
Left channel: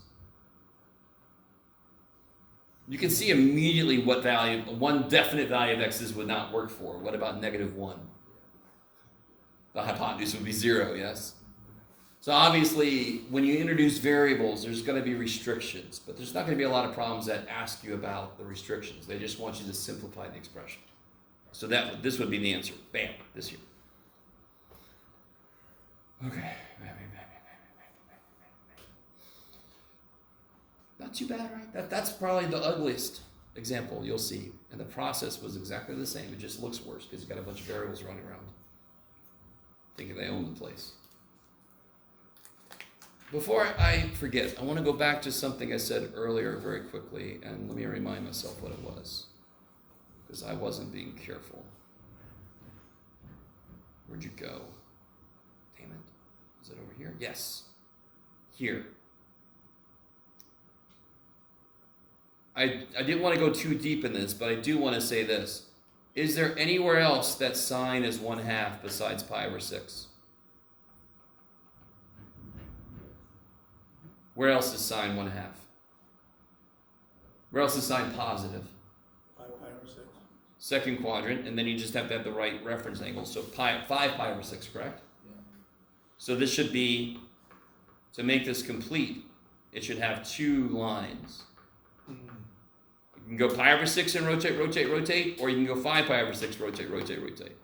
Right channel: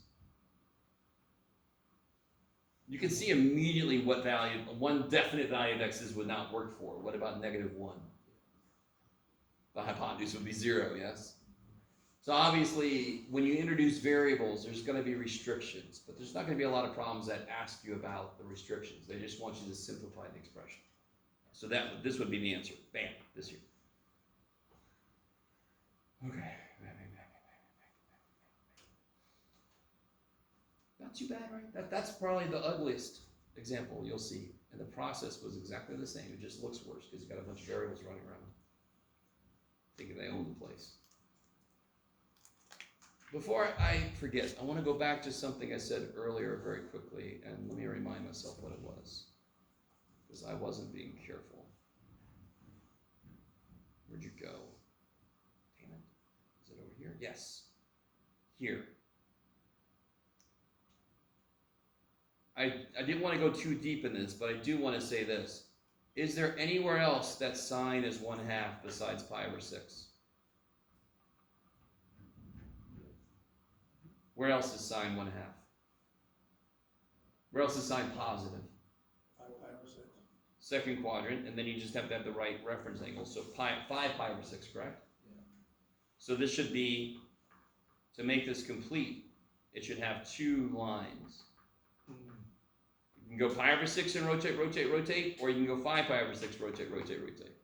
You can see immediately what value, one definite value of x's would not work for. What about -1? The hypotenuse would be 0, yes? So obviously, when you introduce variables, there's going to be restrictions, but there's not going to be a lot of problems that ask you about the restrictions. They just want you to simplify the expression. So this would be the answer. Bam, this here. Okay. Not too bad, right? That's probably the ugliest example you'll see. And the process was exactly the same. It just looks worse because you've got a bunch of variables running around, thinking they own the place. Before I forget, I want to go back to something I said earlier very quickly, and let me remind myself what it was, because I wasn't being careful. Where'd you go? Damn it. Is it over here? Yes. Here. I didn't want to go too deep in this, but I do want to say this. Is there anywhere else that sine is 1/2 besides pi over 6? Where else is sine 1/2? Where else is sine positive? 5 pi over 6. Second quadrant, and then you just have to have the right reference angle. So 5 pi over 6, correct? Yeah. So this should be, to make this complete, it should have 2 lines. You can go pi over 6 and rotate, or you can go 5 pi over 6, rotate.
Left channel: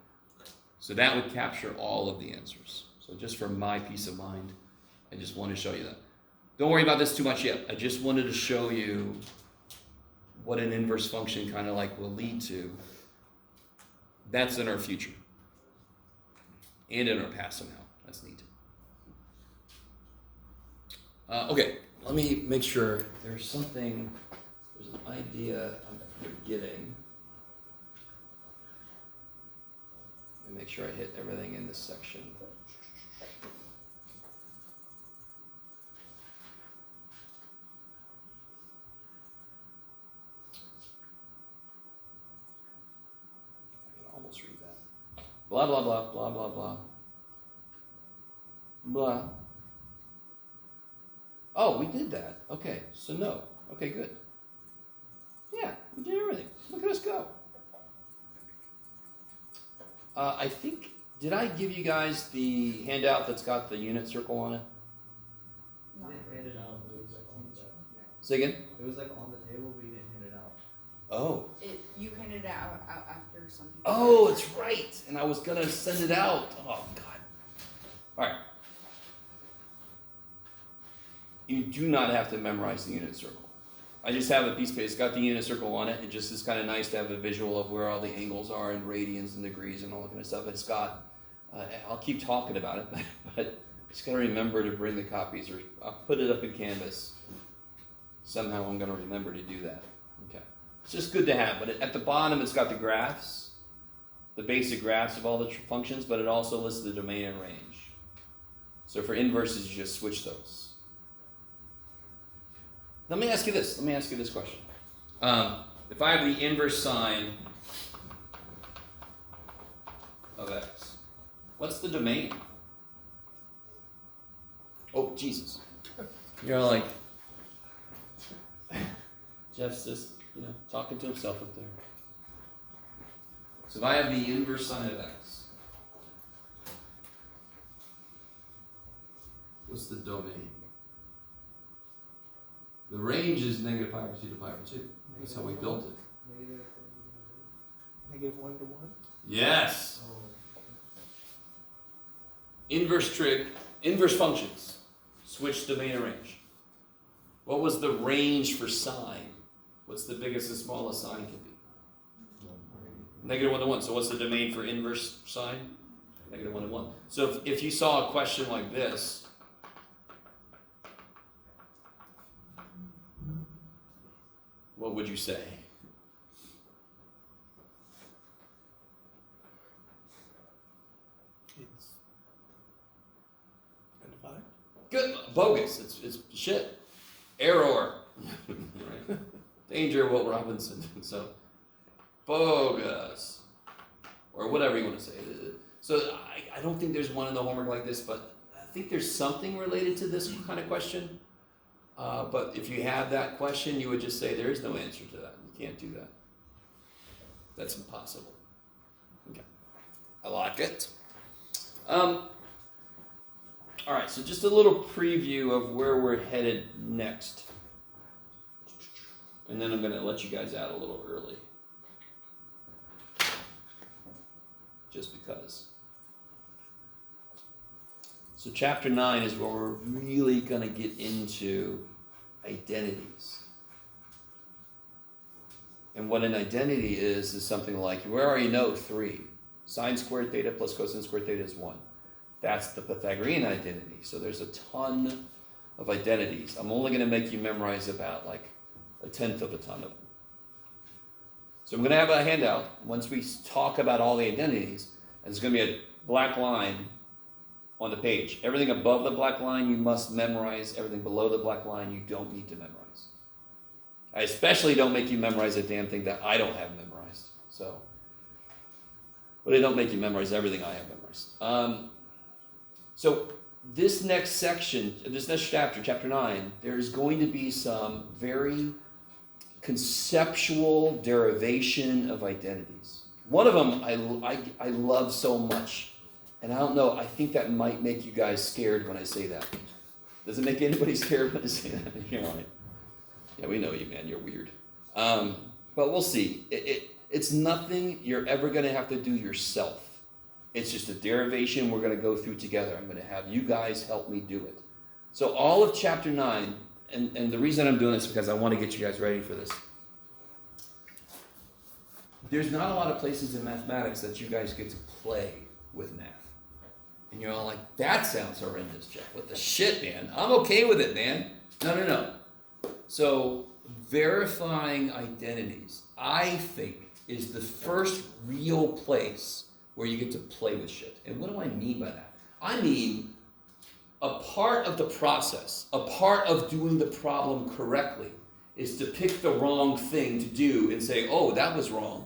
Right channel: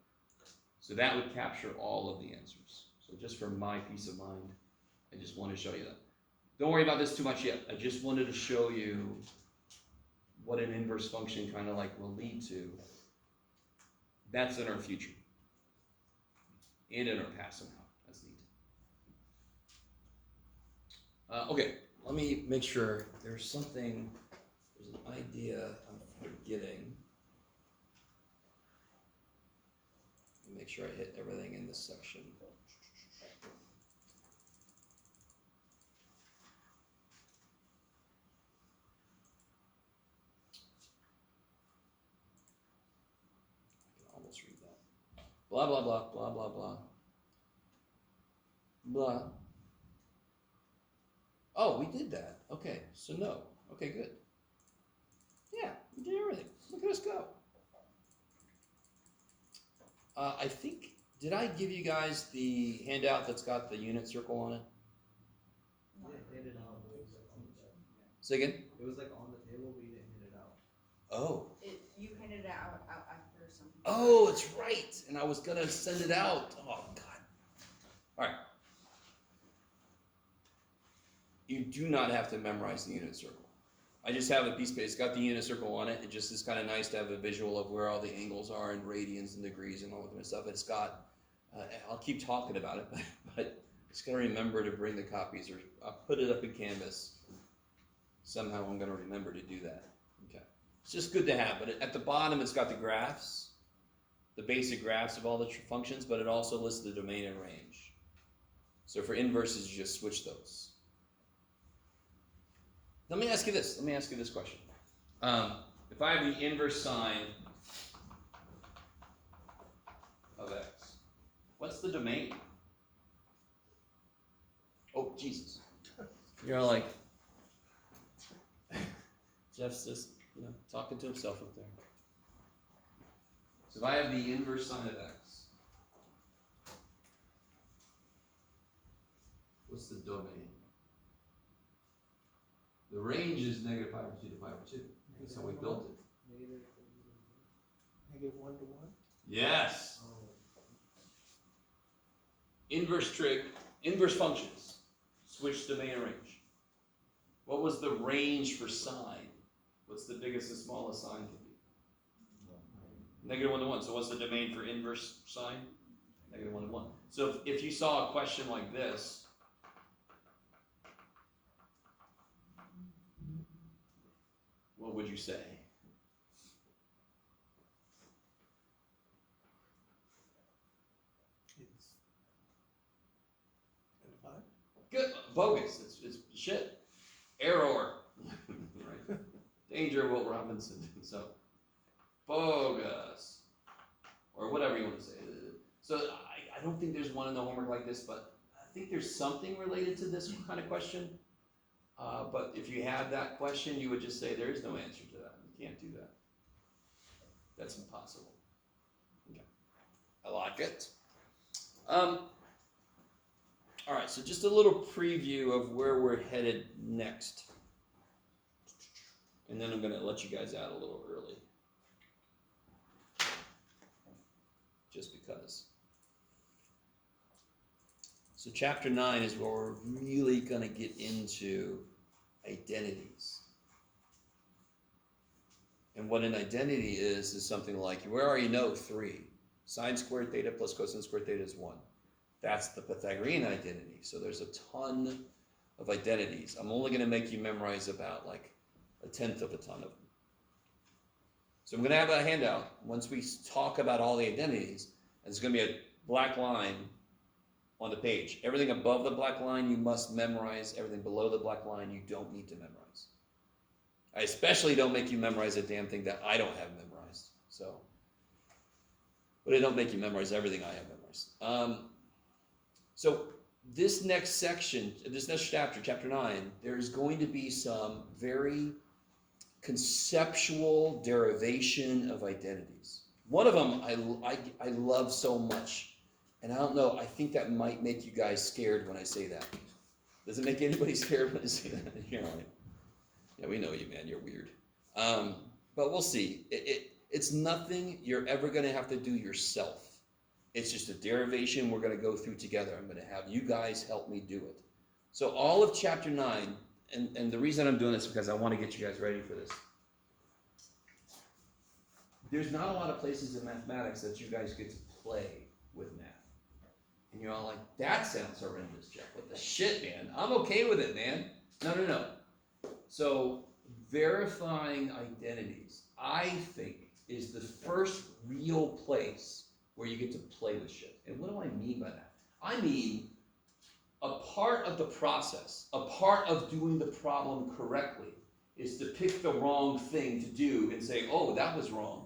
So that would capture all of the answers. So just for my peace of mind, I just want to show you that. Don't worry about this too much yet. I just wanted to show you what an inverse function kind of like will lead to. That's in our future. And in our past somehow. That's neat. Okay, let me make sure there's an idea I'm forgetting. Let me make sure I hit everything in this section. Almost read that. Blah, blah, blah, blah, blah, blah. blah. Oh, we did that. Okay, so no. Okay, good. Yeah, we did everything. Look at us go. I think, did I give you guys the handout that's got the unit circle on it? You didn't hand it out, but it was like on the table. Say again? It was like on the table, but you didn't hand it out. Oh. You handed it out after some people. Oh, it's right. And I was gonna send it out. Oh God. All right. You do not have to memorize the unit circle. I just have a piece of paper. It's got the unit circle on it. It just is kind of nice to have a visual of where all the angles are and radians and degrees and all that kind of stuff. It's got. I'll keep talking about it, but just gotta remember to bring the copies, or I'll put it up in Canvas. Somehow I'm gonna remember to do that. Okay. It's just good to have. But at the bottom, it's got the graphs, the basic graphs of all the functions, but it also lists the domain and range. So for inverses, you just switch those. Let me ask you this. Let me ask you this question. If I have the inverse sine of x, what's the domain? Oh, Jesus. You're like, Jeff's just, talking to himself up there. So if I have the inverse sine of x, what's the domain? The range is negative pi over 2 to pi over 2. That's how we built it. Negative 1 to 1. Yes. Oh. Inverse trig, inverse functions. Switch domain and range. What was the range for sine? What's the biggest and smallest sine can be? Negative 1 to 1. So what's the domain for inverse sine? Negative 1 to 1. So if you saw a question like this, what would you say? It's undefined. Good. Bogus. It's shit. Error. Right. Danger, Will Robinson. So, bogus. Or whatever you want to say. So, I don't think there's one in the homework like this, but I think there's something related to this kind of question. But if you have that question, you would just say there is no answer to that. You can't do that. That's impossible. Okay. I like it. All right, so just a little preview of where we're headed next. And then I'm going to let you guys out a little early. Just because. So chapter 9 is where we're really going to get into identities. And what an identity is something like, we already know 3. Sine squared theta plus cosine squared theta is 1. That's the Pythagorean identity. So there's a ton of identities. I'm only going to make you memorize about like 1/10 of a ton of them. So I'm going to have a handout once we talk about all the identities. And there's going to be a black line on the page. Everything above the black line you must memorize. Everything below the black line you don't need to memorize. I especially don't make you memorize a damn thing that I don't have memorized. But I don't make you memorize everything I have memorized. So this next section, this next chapter, chapter 9, there's going to be some very conceptual derivation of identities. One of them I love so much. And I don't know, I think that might make you guys scared when I say that. Does it make anybody scared when I say that? You're like, yeah, we know you, man. You're weird. But we'll see. It's nothing you're ever going to have to do yourself. It's just a derivation we're going to go through together. I'm going to have you guys help me do it. So all of chapter 9, and the reason I'm doing this is because I want to get you guys ready for this. There's not a lot of places in mathematics that you guys get to play with math. And you're all like, that sounds horrendous, Jeff. What the shit, man? I'm okay with it, man. No. So verifying identities, I think, is the first real place where you get to play with shit. And what do I mean by that? I mean, a part of the process, a part of doing the problem correctly, is to pick the wrong thing to do and say, oh, that was wrong.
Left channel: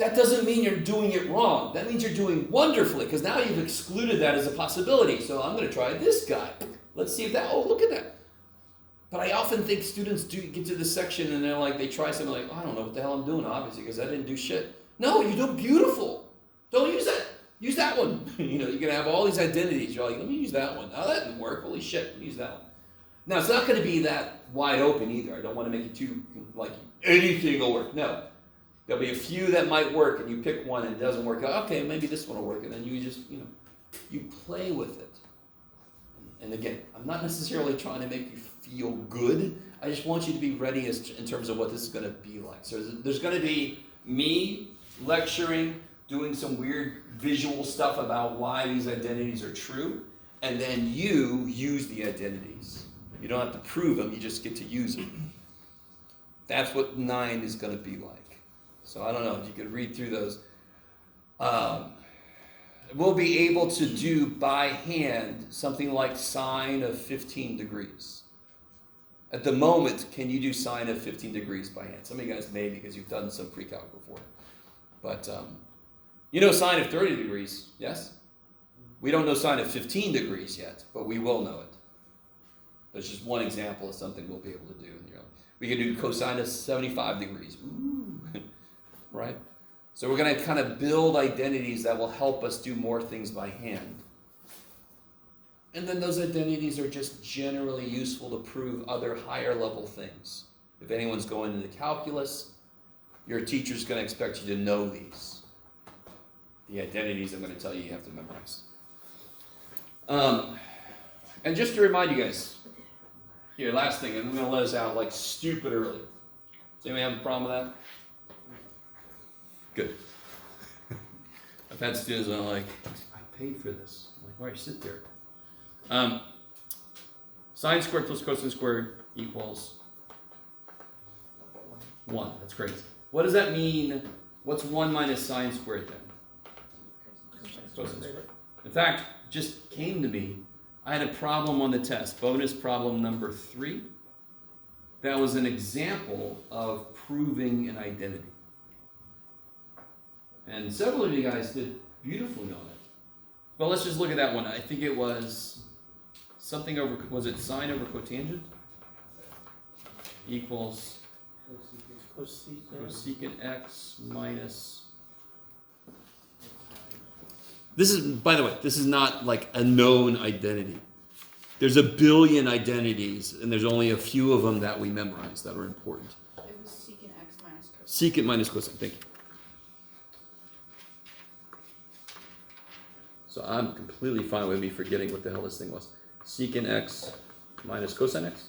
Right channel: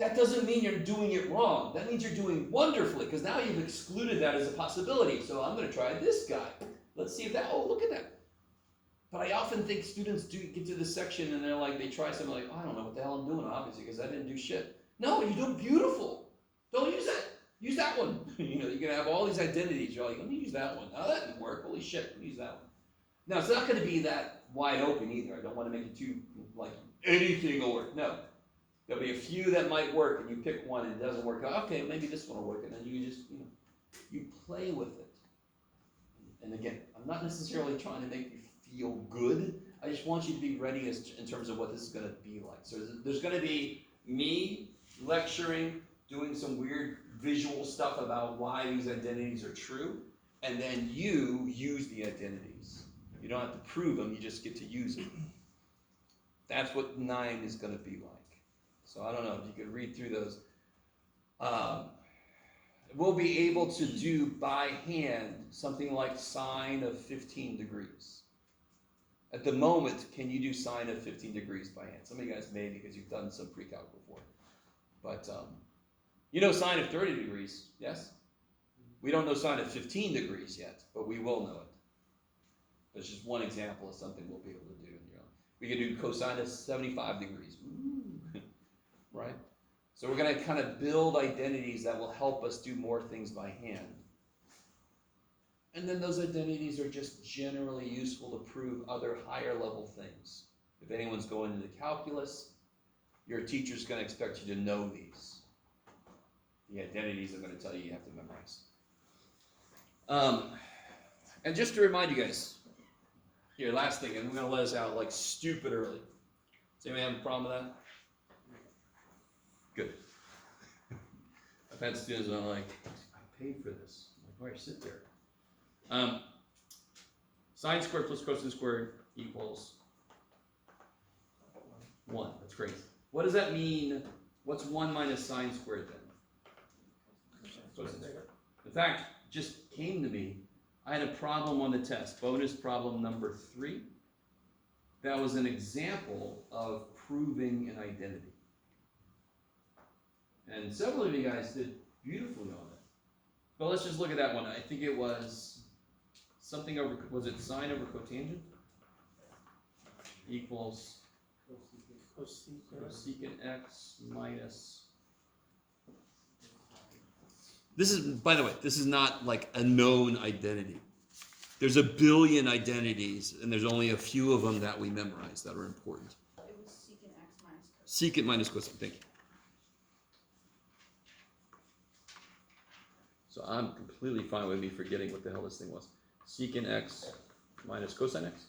that doesn't mean you're doing it wrong. That means you're doing wonderfully, because now you've excluded that as a possibility. So I'm going to try this guy. Let's see if that, oh, look at that. But I often think students do get to this section and they're like, they try something like, I don't know what the hell I'm doing, obviously, because I didn't do shit. No, you're doing beautiful. Don't use that. Use that one. You're going to have all these identities. You're like, let me use that one. Oh, that didn't work. Holy shit, let me use that one. Now, it's not going to be that wide open either. I don't want to make it too, like, anything will work. No. There'll be a few that might work, and you pick one and it doesn't work. Okay, maybe this one will work, and then you just, you play with it. And again, I'm not necessarily trying to make you feel good. I just want you to be ready in terms of what this is going to be like. So there's going to be me lecturing, doing some weird visual stuff about why these identities are true, and then you use the identities. You don't have to prove them, you just get to use them. That's what 9 is going to be like. So I don't know if you could read through those. We'll be able to do by hand something like sine of 15 degrees. At the moment, can you do sine of 15 degrees by hand? Some of you guys may, because you've done some pre-calc before. But you know sine of 30 degrees, yes? We don't know sine of 15 degrees yet, but we will know it. That's just one example of something we'll be able to do. We can do cosine of 75 degrees. Ooh. Right? So we're going to kind of build identities that will help us do more things by hand. And then those identities are just generally useful to prove other higher level things. If anyone's going into calculus, your teacher's going to expect you to know these. The identities I'm going to tell you have to memorize. And just to remind you guys, here, last thing, and I'm going to let us out like stupid early. Does anybody have a problem with that? Good. I've had students that are like, I paid for this. I'm like, why sit there? Sine squared plus cosine squared equals 1. That's crazy. What does that mean? What's 1 minus sine squared then? Cosine squared. In fact, just came to me. I had a problem on the test, bonus problem number 3. That was an example of proving an identity. And several of you guys did beautifully on it. But let's just look at that one. I think it was something over, was it sine over cotangent? Equals cosecant x minus. This is, by the way, this is not like a known identity. There's a billion identities, and there's only a few of them that we memorize that are important. It was secant x minus cosine. Secant minus cosine, thank you. So I'm completely fine with me forgetting what the hell this thing was. Secant x minus cosine x?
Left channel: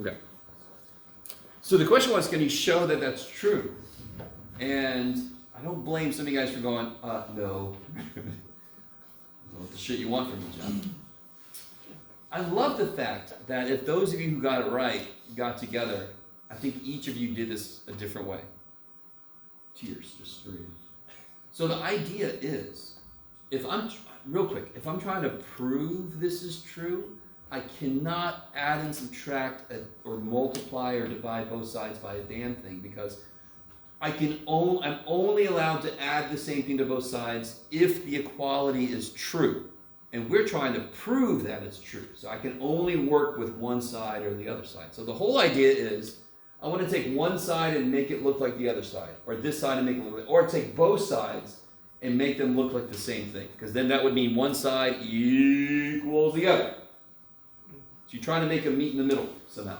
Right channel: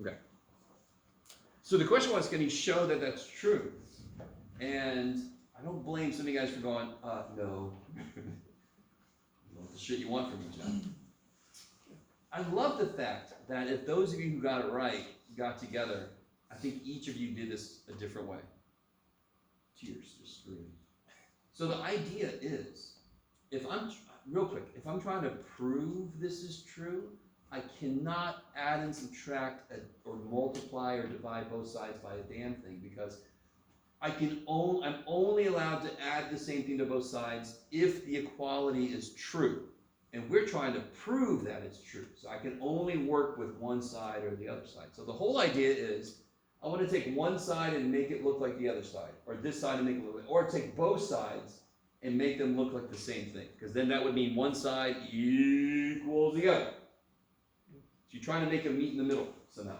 Okay. So the question was, can you show that that's true? And I don't blame some of you guys for going, no. What the shit you want from me, John? I love the fact that if those of you who got it right got together, I think each of you did this a different way. Tears just streaming. So the idea is, if I'm trying to prove this is true, I cannot add and subtract or multiply or divide both sides by a damn thing, because I'm only allowed to add the same thing to both sides if the equality is true. And we're trying to prove that it's true. So I can only work with one side or the other side. So the whole idea is, I want to take one side and make it look like the other side, or this side and make it look like, or take both sides and make them look like the same thing. Because then that would mean one side equals the other. So you're trying to make them meet in the middle somehow.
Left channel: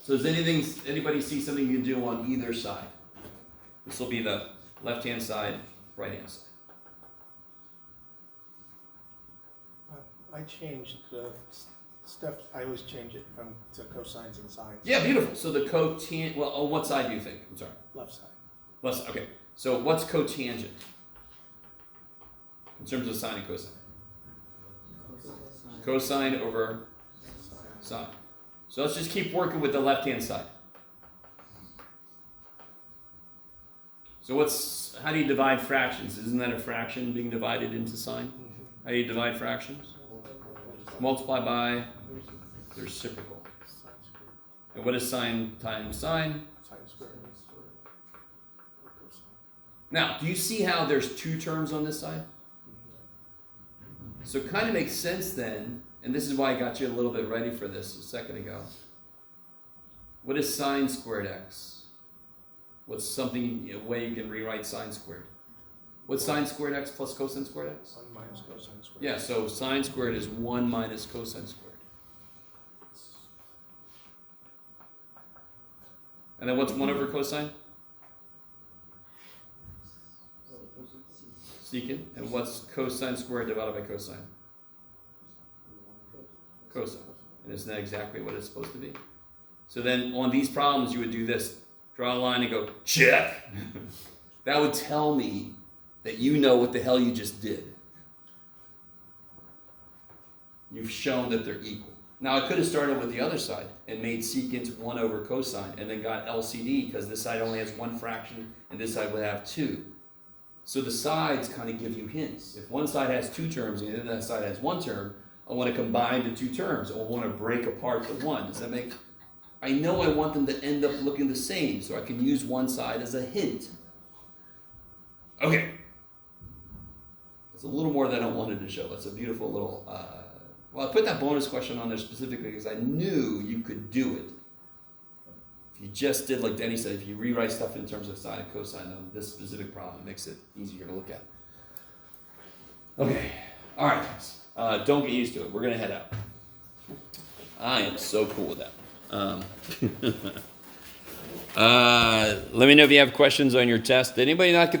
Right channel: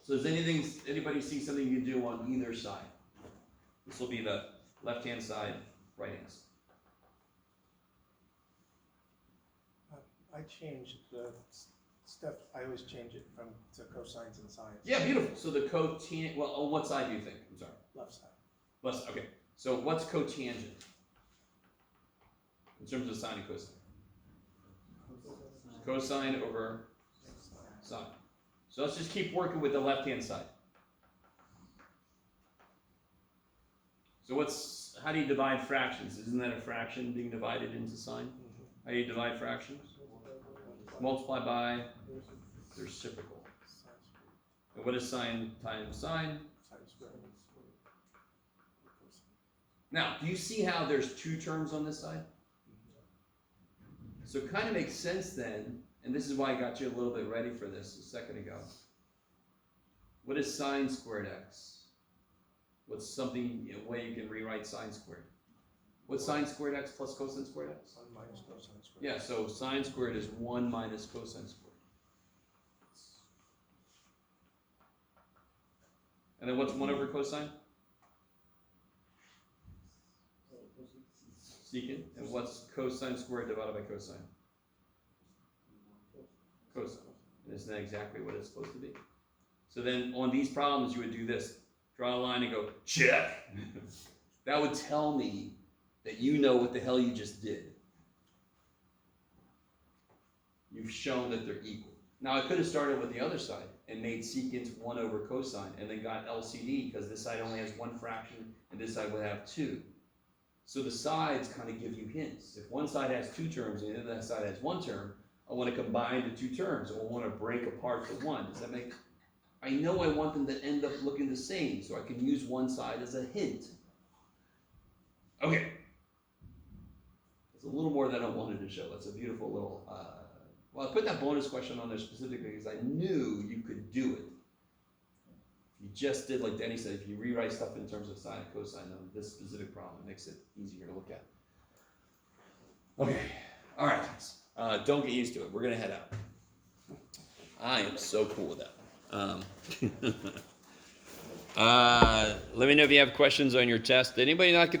So does anybody see something you can do on either side? This will be the left-hand side, right-hand side. I changed the steps. I always change it to cosines and sines. Yeah, beautiful. So the cotangent, well, on what side do you think? I'm sorry. Left side. Left side, okay. So what's cotangent? In terms of sine and cosine? Cosine over sine. So let's just keep working with the left-hand side. So how do you divide fractions? Isn't that a fraction being divided into sine? Mm-hmm. How do you divide fractions? Multiply by the reciprocal. And what is sine times sine? Sine squared. Now, do you see how there's two terms on this side? So it kind of makes sense then, and this is why I got you a little bit ready for this a second ago. What is sine squared x? What's something, a way you can rewrite sine squared? What's sine squared x plus cosine squared x? 1 minus cosine squared. Yeah, so sine squared is 1 minus cosine squared. And then what's 1 over cosine? Secant. And what's cosine squared divided by cosine? Cosine. And isn't that exactly what it's supposed to be? So then on these problems you would do this. Draw a line and go, check. That would tell me that you know what the hell you just did. You've shown that they're equal. Now I could have started with the other side and made secant 1 over cosine and then got LCD because this side only has one fraction and this side would have 2. So the sides kind of give you hints. If one side has 2 terms and the other side has 1 term, I want to combine the 2 terms. I want to break apart the 1. Does that make... I know I want them to end up looking the same, so I can use one side as a hint. Okay. That's a little more than I wanted to show. That's a beautiful little... well, I put that bonus question on there specifically because I knew you could do it. If you just did, like Denny said, if you rewrite stuff in terms of sine and cosine on this specific problem, it makes it easier to look at. Okay. All right, guys. Don't get used to it. We're going to head out. I am so cool with that. Let me know if you have questions on your test. Did anybody not get their